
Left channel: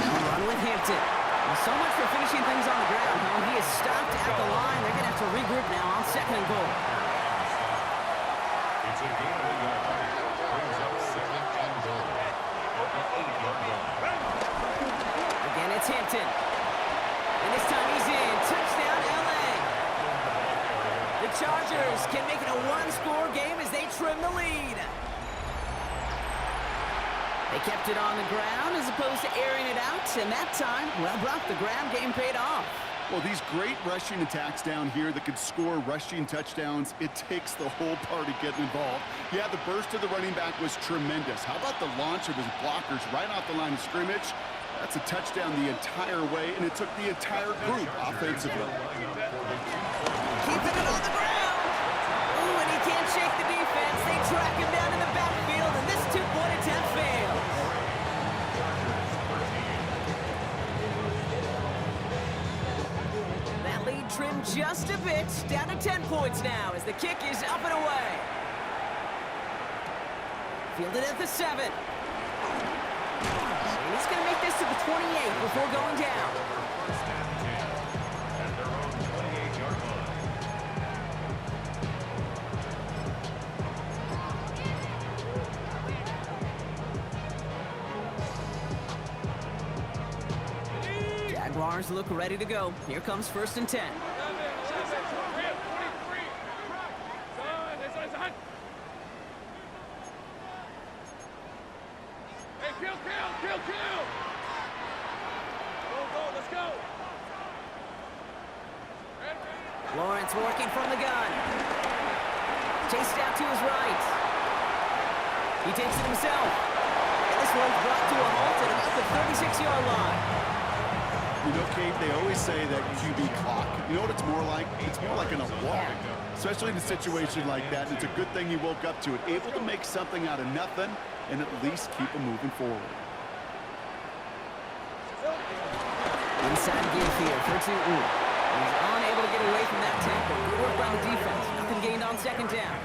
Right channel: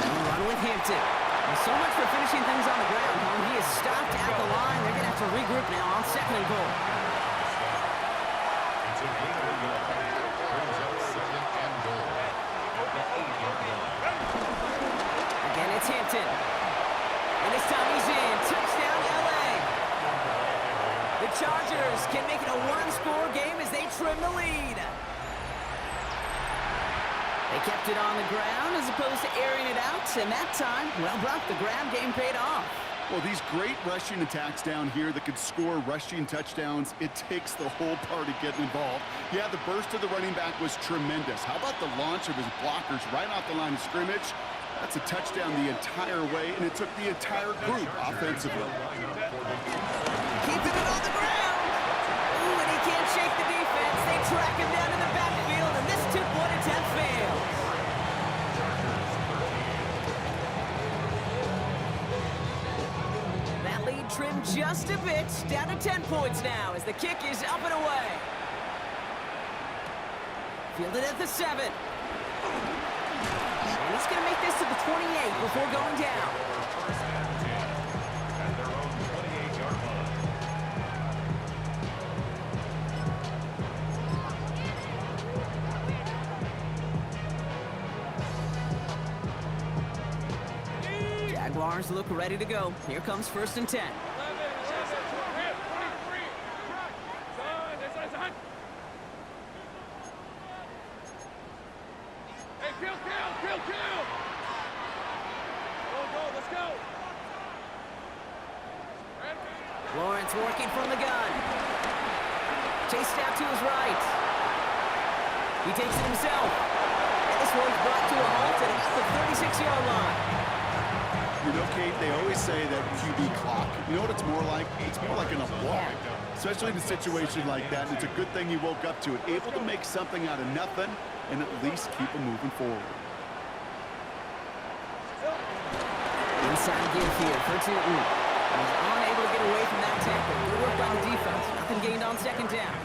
They'll run with Hampton. Well, so much for finishing things on the ground, huh? He is stopped at the line. They're going to have to regroup now on second and goal. It's a gain of a yard. Brings up second and goal at the 8-yard line. Again, it's Hampton. And this time he's in. Touchdown, LA. The Chargers can make it a one-score game as they trim the lead. They kept it on the ground as opposed to airing it out, and that time, well, Brock, the ground game paid off. Well, these great rushing attacks down here that could score rushing touchdowns, it takes the whole party getting involved. Yeah, the burst of the running back was tremendous. How about the launch of his blockers right off the line of scrimmage? That's a touchdown the entire way, and it took the entire group offensively. Keeping it on the ground. Ooh, and he can't shake the defense. They track him down in the backfield, and this two-point attempt fails. That lead trimmed just a bit, down to 10 points now as the kick is up and away. Fielded at the 7. And he's going to make this to the 28 before going down. First and 10 at their own 28-yard line. Jaguars look ready to go. Here comes first and 10. 11, 23. Son. Hey, kill. go, let's go. Lawrence working from the gun. Chased out to his right. He takes it himself. And this one's brought to a halt at about the 36-yard line. You know, Kate, they always say that QB clock. You know what it's more like? It's more like an alarm, especially in a situation like that. And it's a good thing he woke up to it, able to make something out of nothing and at least keep him moving forward. Inside give here for Newton. He's unable to get away from that tackle. Good work by the defense. Nothing gained on second down.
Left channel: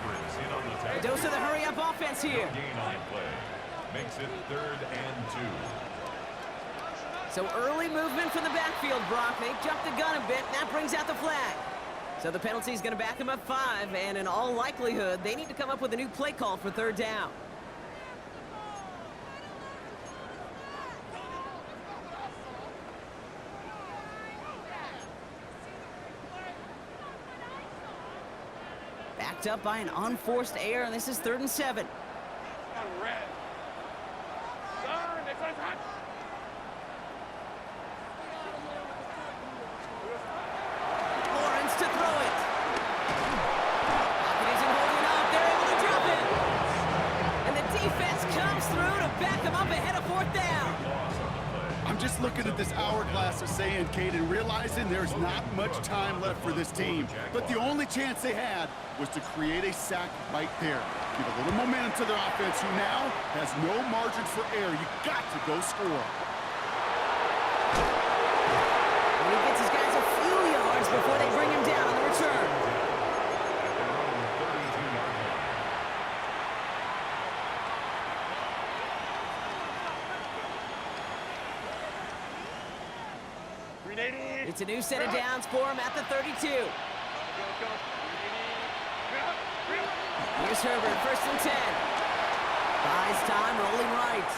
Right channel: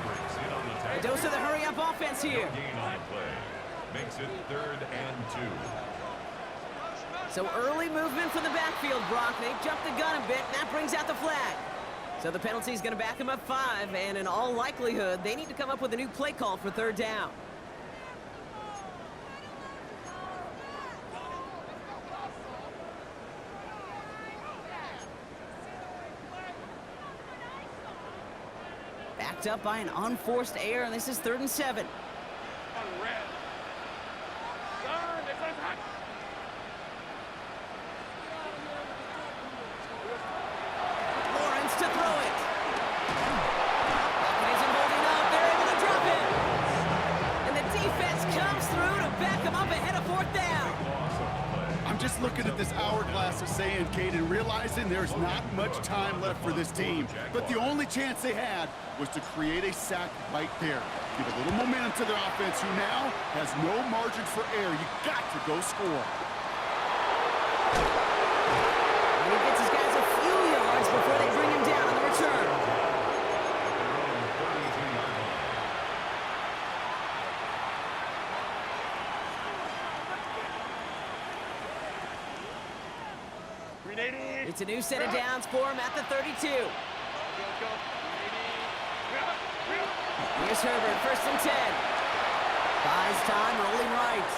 A dose of the hurry-up offense here. Gain on the play. Makes it 3rd and 2. So early movement from the backfield, Brock. They jumped the gun a bit. That brings out the flag. So the penalty is going to back them up 5, and in all likelihood, they need to come up with a new play call for 3rd down. Backed up by an unforced error, and this is 3rd and 7. On red. Turn, this one's hot. Lawrence to throw it. Pocket isn't holding up. They're able to drop it. And the defense comes through to back them up ahead of 4th down. I'm just looking at this hourglass of sand, Kate, and realizing there's not much time left for this team. But the only chance they had was to create a sack right there. Give a little momentum to their offense, who now has no margin for error. You got to go score. And he gets his guys a few yards before they bring him down on the return. At their own 32-yard line. It's a new set of downs for him at the 32. Here's Herbert, 1st and 10. Buys time, rolling right.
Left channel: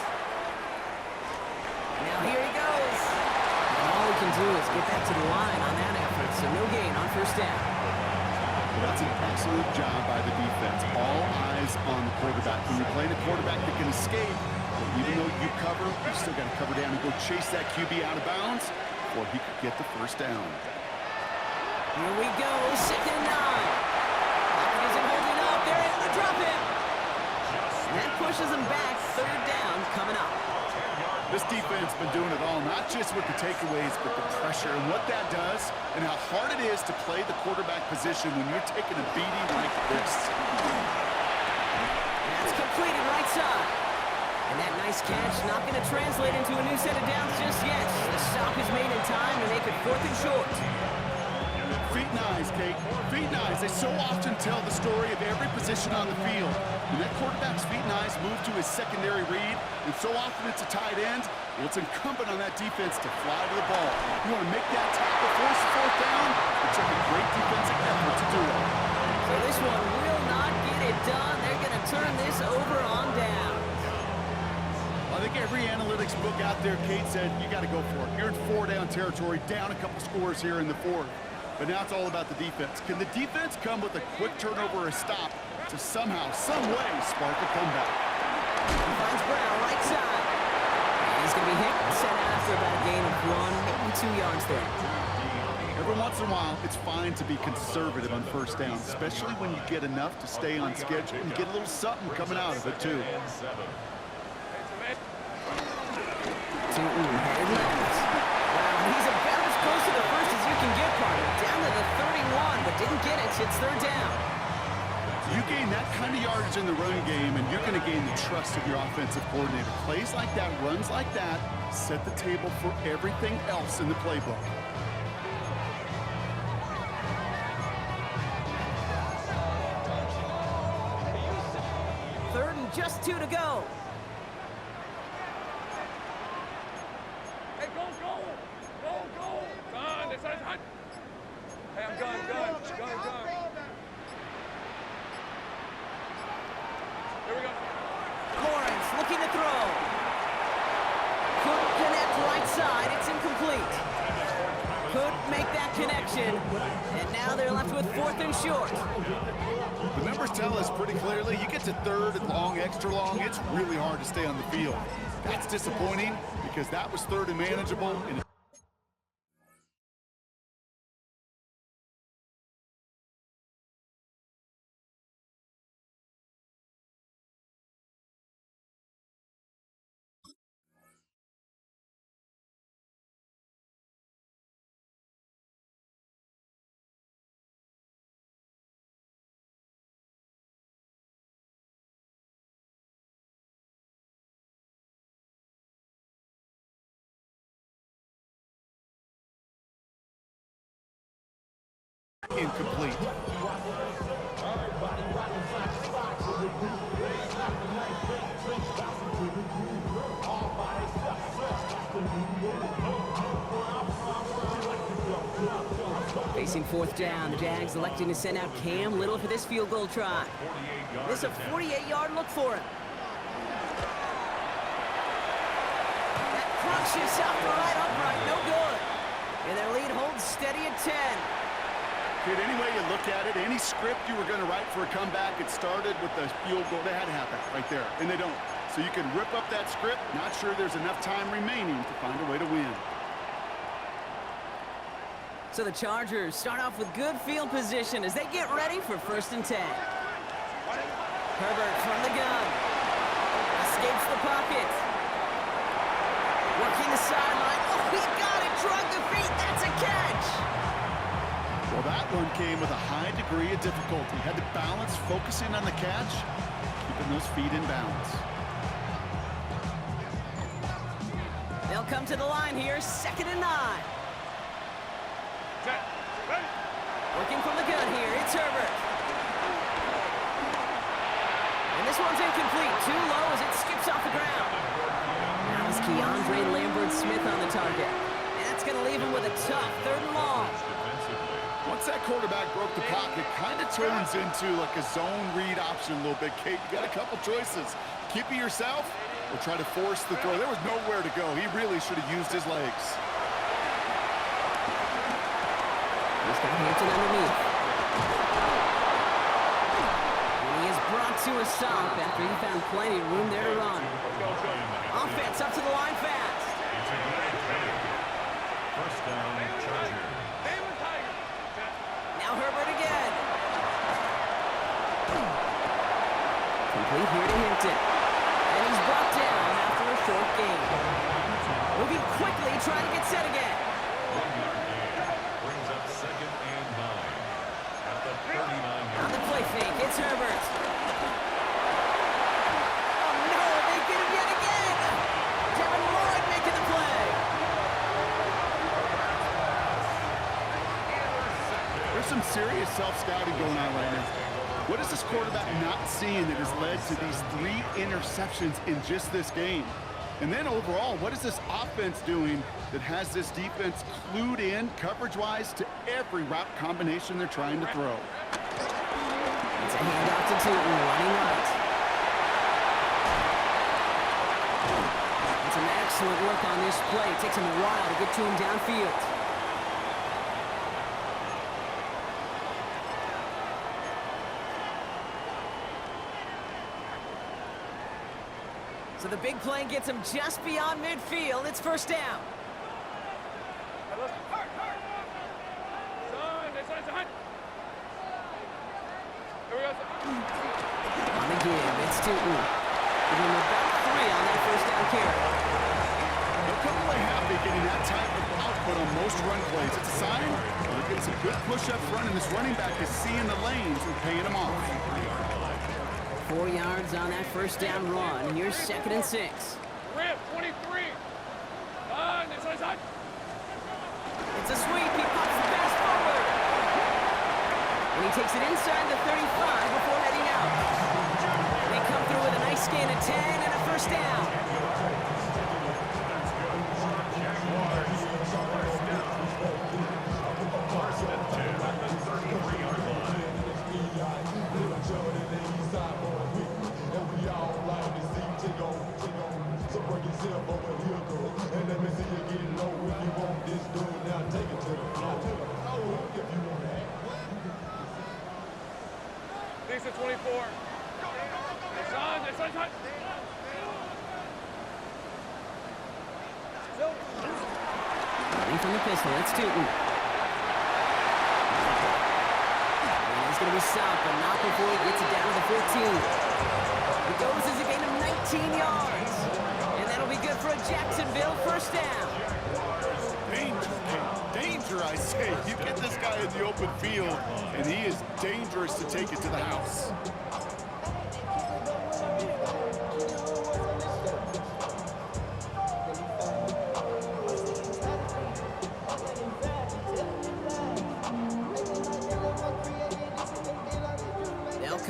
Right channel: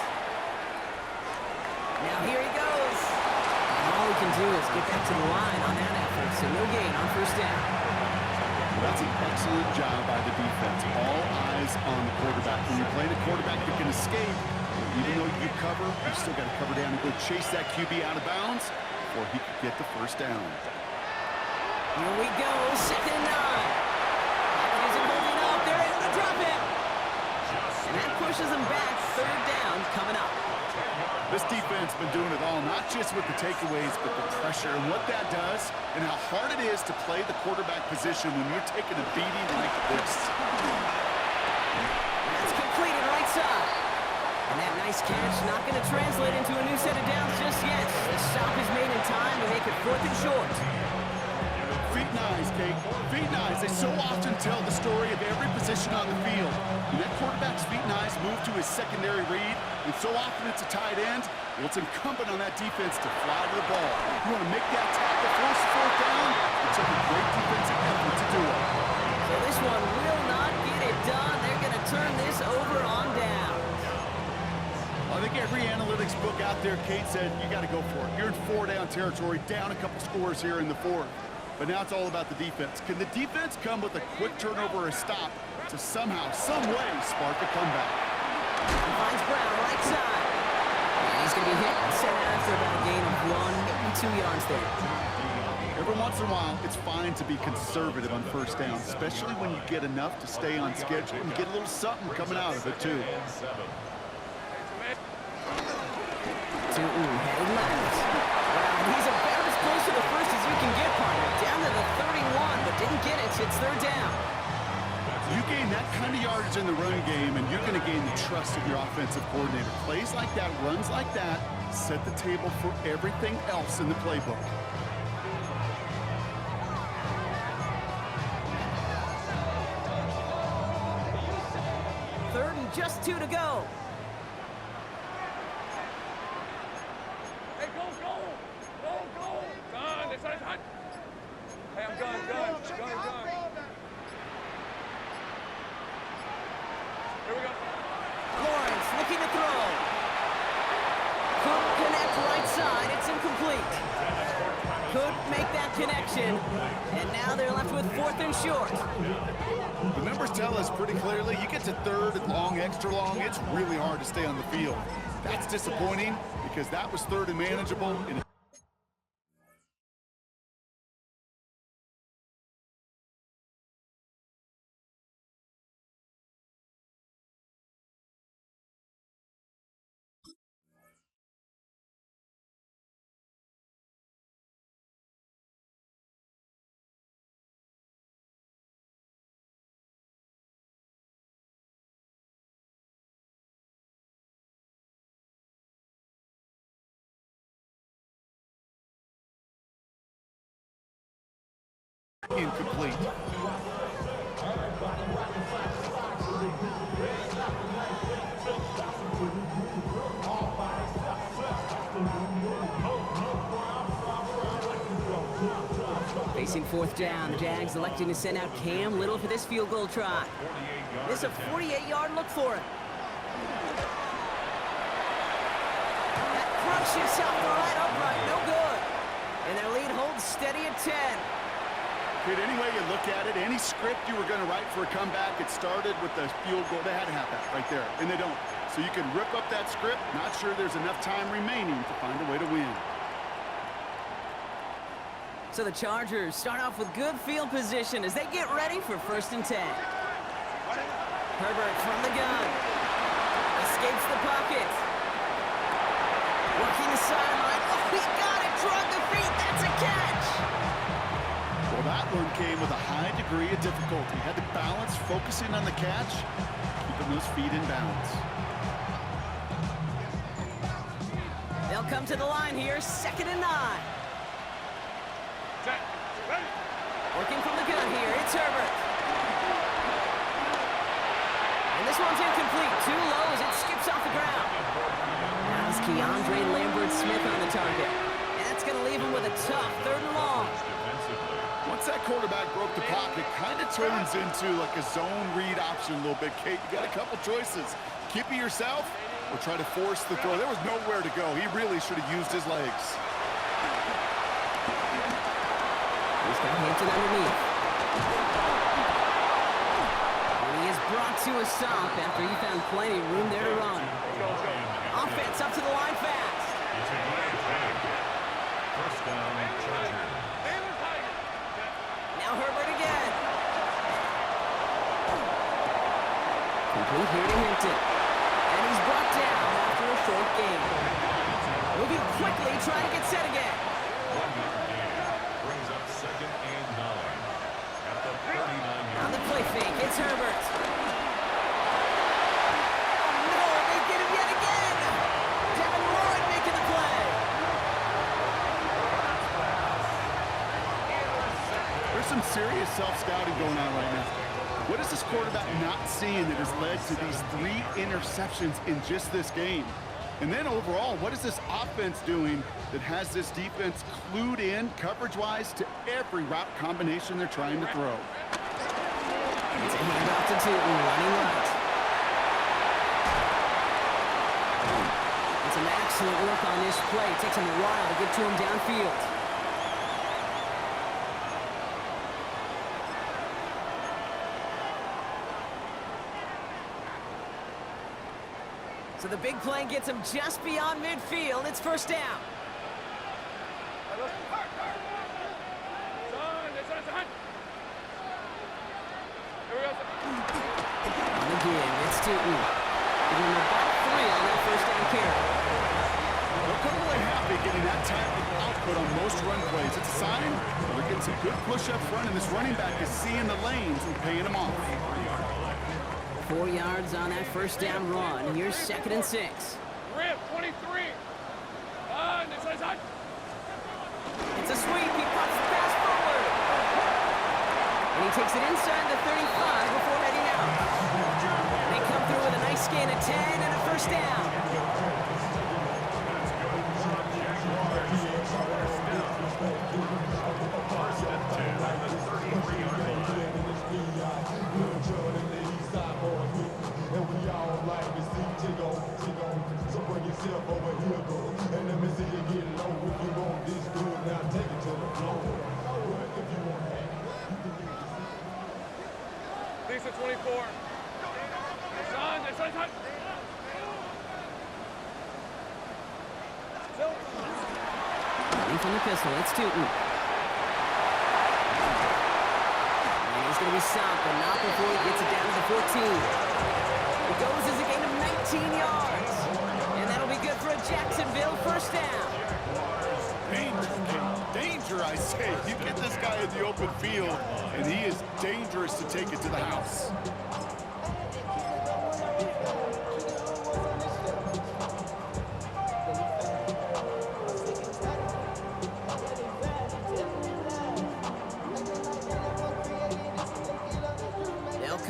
Now here he goes. And all he can do is get back to the line on that effort, so no gain on 1st down. Well, that's an excellent job by the defense. All eyes on the quarterback. When you're playing a quarterback that can escape, even though you cover, you still got to cover down and go chase that QB out of bounds before he could get the 1st down. Here we go, 2nd and 9. Pocket isn't holding up. They're able to drop him. And that pushes them back. 3rd down coming up. This defense been doing it all, not just with the takeaways, but the pressure and what that does and how hard it is to play the quarterback position when you're taking a beating like this. That's completed right side. And that nice catch not going to translate into a new set of downs just yet. The stop is made in time to make it 4th and short. Feet and eyes, Kate. Feet and eyes. They so often tell the story of every position on the field. When that quarterback's feet and eyes move to his secondary read, and so often it's a tight end, well, it's incumbent on that defense to fly to the ball. You want to make that tackle, force the 4th down, it took a great defensive effort to do it. So this one will not get it done. They're going to turn this over on down. I think every analytics book out there, Kate, said you got to go for it. You're in 4-down territory, down a couple scores here in the 4th. But now it's all about the defense. Can the defense come with a quick turnover or a stop to somehow, some way, spark a comeback? He finds Brown right side. And he's going to be hit and set out after about a gain of 1, maybe 2 yards there. Every once in a while, it's fine to be conservative on 1st down, especially when you get enough to stay on schedule and get a little something coming out of it, too. Newton headed left. Wow, he's about as close to the 1st as you can get, partner. Down to the 31, but didn't get it. It's 3rd down. You gain that kind of yardage in the run game, and you're going to gain the trust of your offensive coordinator. Plays like that, runs like that, set the table for everything else in the playbook. Third and just 2 to go. Hey, go! Gun, this side's hot. Hey, I'm gun. Here we go. Lawrence looking to throw. Couldn't connect right side. It's incomplete. Couldn't make that connection. And now they're left with 4th and short. The numbers tell us pretty clearly, you get to 3rd and long, extra long, it's really hard to stay on the field. That's disappointing because that was 3rd and manageable. incomplete. Facing fourth down, the Jags electing to send out Cam Little for this field goal try. This is a 48-yard look for him. That crunches South the right upright, no good. And their lead holds steady at 10. Kid, any way you look at it, any script you were going to write for a comeback, it started with the field goal. They had to have that right there, and they don't. So you can rip up that script. Not sure there's enough time remaining to find a way to win. So the Chargers start off with good field position as they get ready for 1st and 10. Herbert from the gun. Escapes the pocket. Working the sideline. Oh, he got it. Drug the feet. That's a catch. Well, that one came with a high degree of difficulty. Had to balance focusing on the catch, keeping those feet in bounds. They'll come to the line here, 2nd and 9. Working from the gun here, it's Herbert. And this one's incomplete, too low as it skips off the ground. Now it's Keandre Lambert-Smith on the target. And that's going to leave him with a tough 3rd and long. Once that quarterback broke the pocket, kind of turns into like a zone read option a little bit. Kate, you got a couple choices. Keep it yourself or try to force the throw. There was nowhere to go. He really should have used his legs. He's got Hampton underneath. And he is brought to a stop after he found plenty of room there to run. Offense up to the line fast. It's a good play. 1st down, Chargers. Now Herbert again. Complete here to Hampton. And he's brought down after a short gain. Moving quickly, trying to get set again. 1-yard gain. Brings up 2nd and 9. At the 39-yard. On the play fake, it's Herbert. Oh no, they get him yet again. Devin Lloyd making the play. There's some serious self-scouting going on right now. What is this quarterback not seeing that has led to these 3 interceptions in just this game? And then overall, what is this offense doing that has this defense clued in coverage-wise to every route combination they're trying to throw? It's a handoff to Tootin, running right. And some excellent work on this play. It takes him a while to get to him downfield. So the big play gets him just beyond midfield. It's 1st down. On the give, it's Tootin. Give him about 3 on that 1st down carry. They'll come away happy getting that type of output on most run plays. It's a sign they're getting some good push up front, and this running back is seeing the lanes and paying them off. 4 yards on that 1st down run. Here's 2nd and 6. Rip, 23. It's a sweep. He pops the pass forward. And he takes it inside the 35 before heading out. They come through with a nice gain of 10 and a 1st down. Jaguars. 1st down. 1st and 10 at the 33-yard line. And we all like to see Tigo. So bring yourself over here, girl. And let me see you get low. If you want this, do it now. Take it to the floor. If you want that. Lisa 24. Son. Running from the pistol, it's Tootin. And he's going to be stopped, but not before he gets it down to the 14. It goes as a gain of 19 yards. And that'll be good for a Jacksonville 1st down. Danger, Kate. Danger, I say. You get this guy in the open field, and he is dangerous to take it to the house.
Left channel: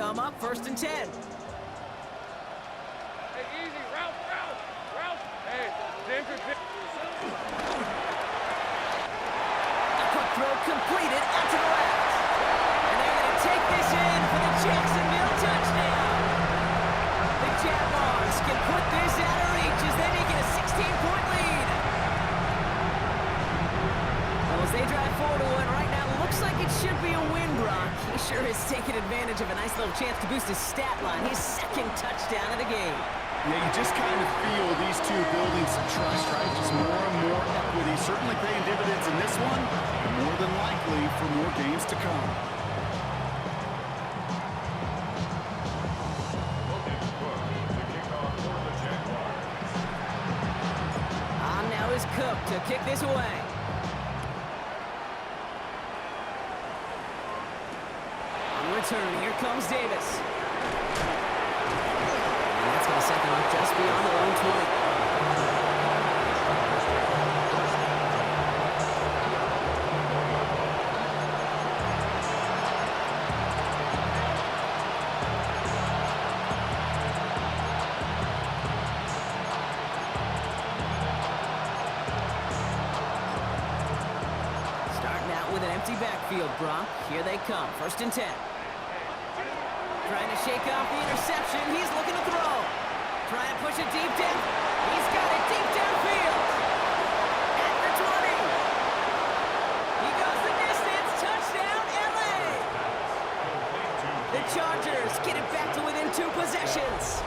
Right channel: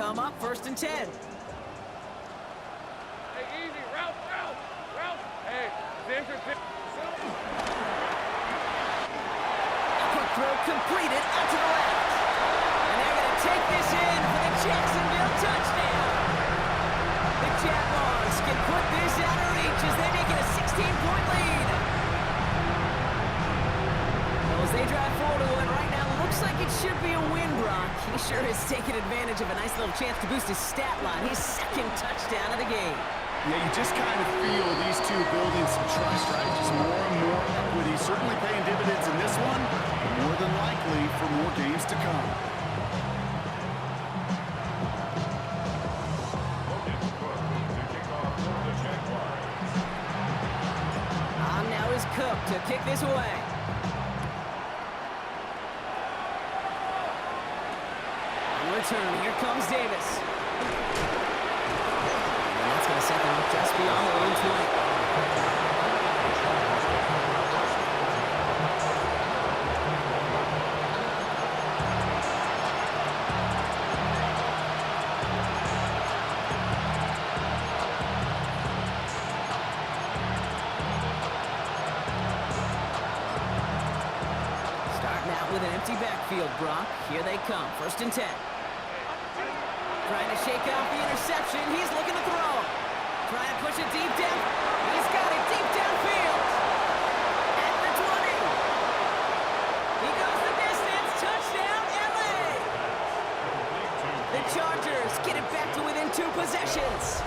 come up 1st and 10. Hey, easy. Route. Hey, Denver. A quick throw completed out to the left. And they're going to take this in for the Jacksonville touchdown. The Jaguars can put this out of reach as they make it a 16-point lead. Well, as they drive forward to one right now, looks like it should be a win, Brock. He sure has taken advantage of a nice little chance to boost his stat line. His 2nd touchdown of the game. Yeah, you just kind of feel these two building some trust, right? Just more and more equity. Certainly paying dividends in this one, but more than likely for more games to come. On now is Cook to kick this away. On return, here comes Davis. And that's going to set them up just beyond their own 20. Starting out with an empty backfield, Brock. Here they come, 1st and 10. Trying to shake off the interception. He's looking to throw. Trying to push it deep down. He's got it deep downfield. At the 20. He goes the distance. Touchdown, LA. The Chargers get it back to within 2 possessions.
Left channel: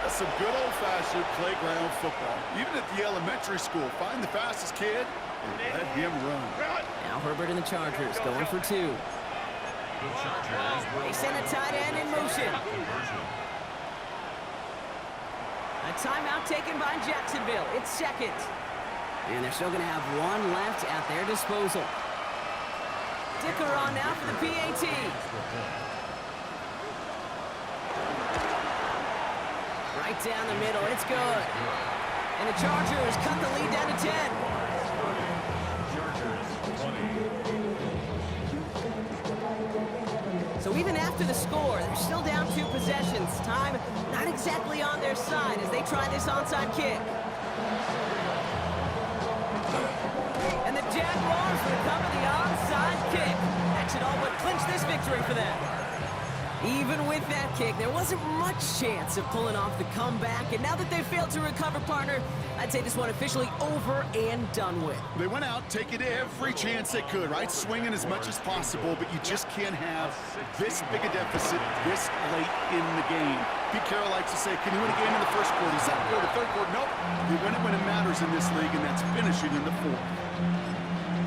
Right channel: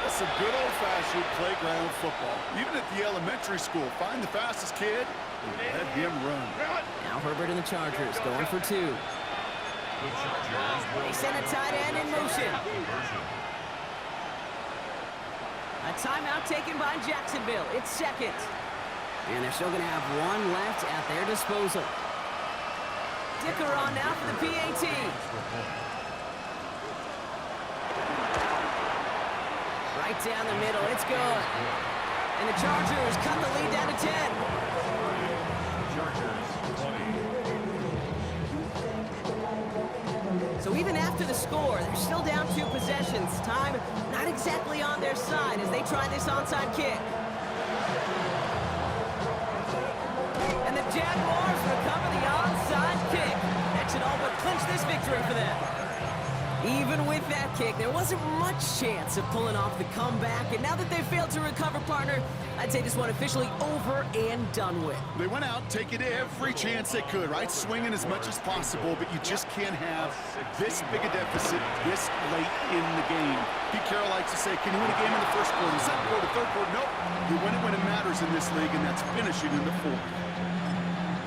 That's some good old-fashioned playground football. Even at the elementary school, find the fastest kid and let him run. Now Herbert and the Chargers going for 2. They send a tight end in motion. A timeout taken by Jacksonville. It's 2nd. And they're still going to have 1 left at their disposal. Dicker on now for the PAT. Right down the middle. It's good. And the Chargers cut the lead down to 10. Chargers 20. So even after the score, they're still down 2 possessions. Time not exactly on their side as they try this onside kick. And the Jaguars recover the onside kick. That should all but clinch this victory for them. Even with that kick, there wasn't much chance of pulling off the comeback. And now that they've failed to recover, partner, I'd say this one officially over and done with. They went out taking every chance they could, right? Swinging as much as possible, but you just can't have this big a deficit this late in the game. Pete Carroll likes to say, can you win a game in the 1st quarter, 2nd quarter, 3rd quarter? Nope. You win it when it matters in this league, and that's finishing in the 4th.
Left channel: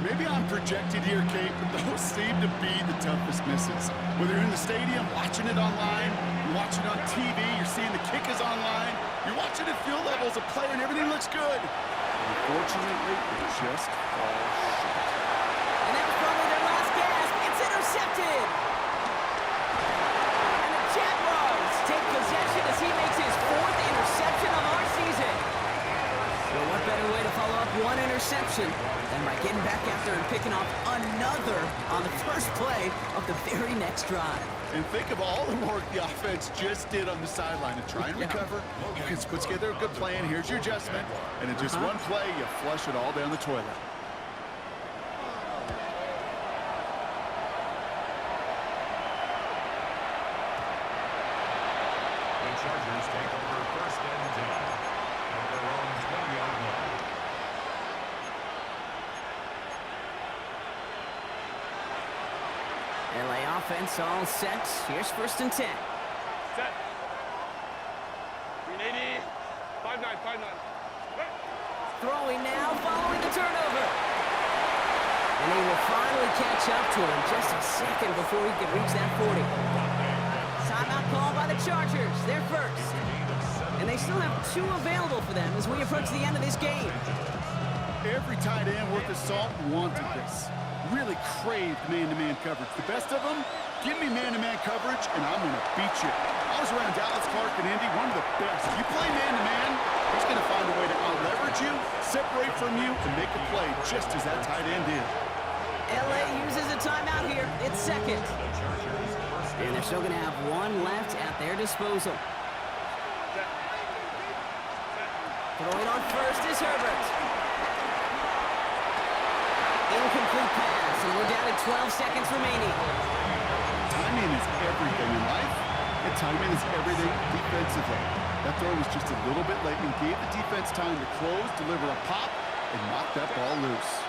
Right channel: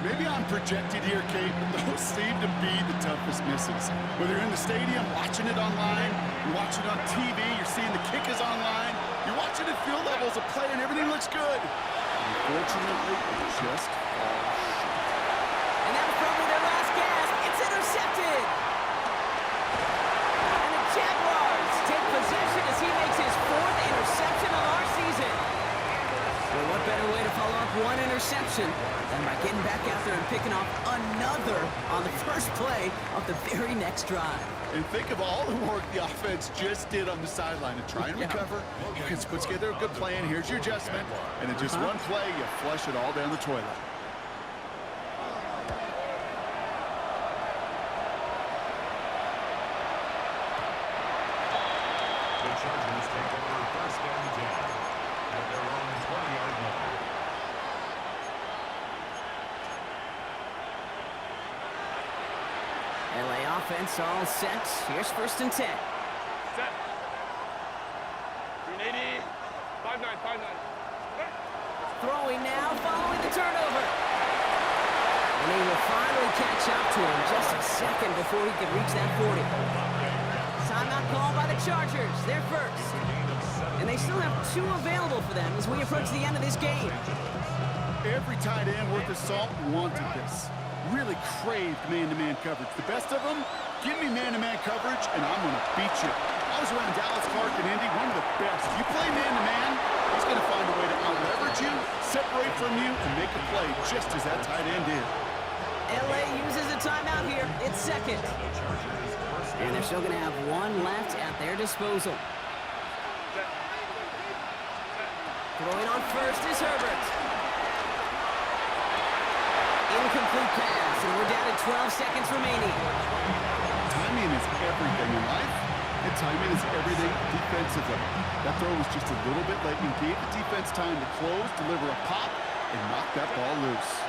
Maybe I'm projected here, Kate, but those seem to be the toughest misses. Whether you're in the stadium, watching it online, you're watching it on TV, you're seeing the kick is online, you're watching at field level as a player and everything looks good. Unfortunately, it just falls short. And that was probably their last gasp. It's intercepted. And the Jaguars take possession as he makes his 4th interception of our season. Well, what better way to follow up 1 interception than by getting back out there and picking off another on the first play of the very next drive. And think of all the work the offense just did on the sideline to try and recover. You can put together a good plan. Here's your adjustment. And in just 1 play, you flush it all down the toilet. The Chargers take over 1st and 10 at their own 20-yard line. LA offense all set. Here's 1st and 10. Set. 380. 5-9. Throwing now, following the turnover. And he will finally catch up to him just a second before he can reach that 40. Timeout called by the Chargers. They're first. And they still have 2 available for them as we approach the end of this game. Every tight end worth his salt wanted this. Really craved man-to-man coverage. The best of them, give me man-to-man coverage, and I'm going to beat you. I was around Dallas, Clark, and Indy, one of the best. If you play man-to-man, he's going to find a way to out-leverage you, separate from you, and make a play just as that tight end did. LA uses a timeout here. It's second. The Chargers first down. And they're still going to have one left at their disposal. Throwing on first is Herbert. Incomplete pass, and we're down to 12 seconds remaining. Timing is everything in life, and timing is everything defensively. That throw was just a little bit late and gave the defense time to close, deliver a pop, and knock that ball loose.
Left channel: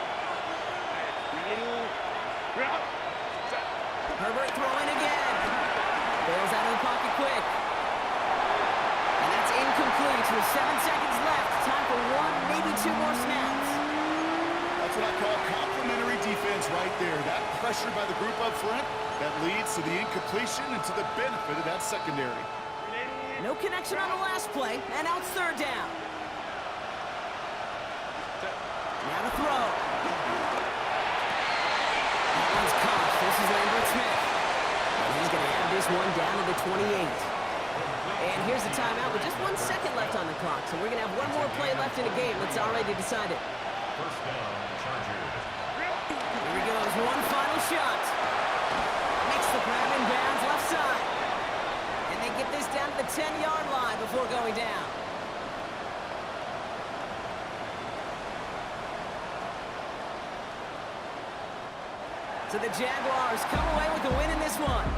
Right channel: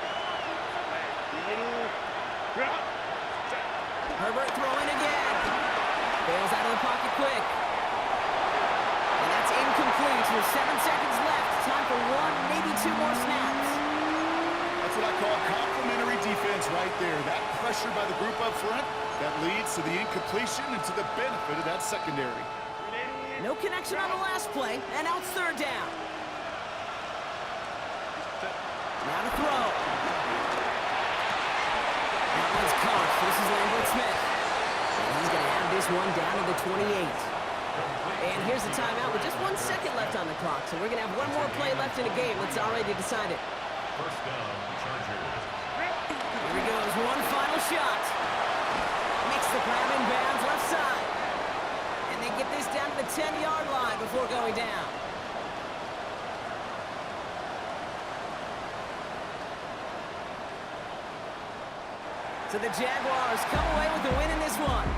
Herbert throwing again. Bails out of the pocket quick. And that's incomplete. There's 7 seconds left. Time for one, maybe two more snaps. That's what I call complimentary defense right there. That pressure by the group up front, that leads to the incompletion and to the benefit of that secondary. No connection on the last play, and now it's third down. Now to throw. That one's caught. This is Lambert Smith. And he's going to have this one down to the 28. And here's the timeout with just 1 second left on the clock. So we're going to have one more play left in the game that's already decided. First down, Chargers. Here he goes, one final shot. Makes the grab in bounds left side. And they get this down to the 10-yard line before going down. So the Jaguars come away with the win in this one.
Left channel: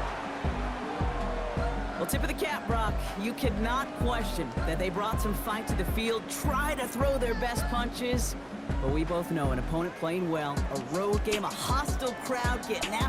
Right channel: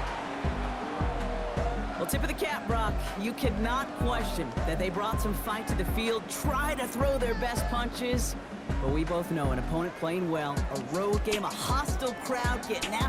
Well, tip of the cap, Brock. You cannot question that they brought some fight to the field, try to throw their best punches. But we both know an opponent playing well, a road game, a hostile crowd getting after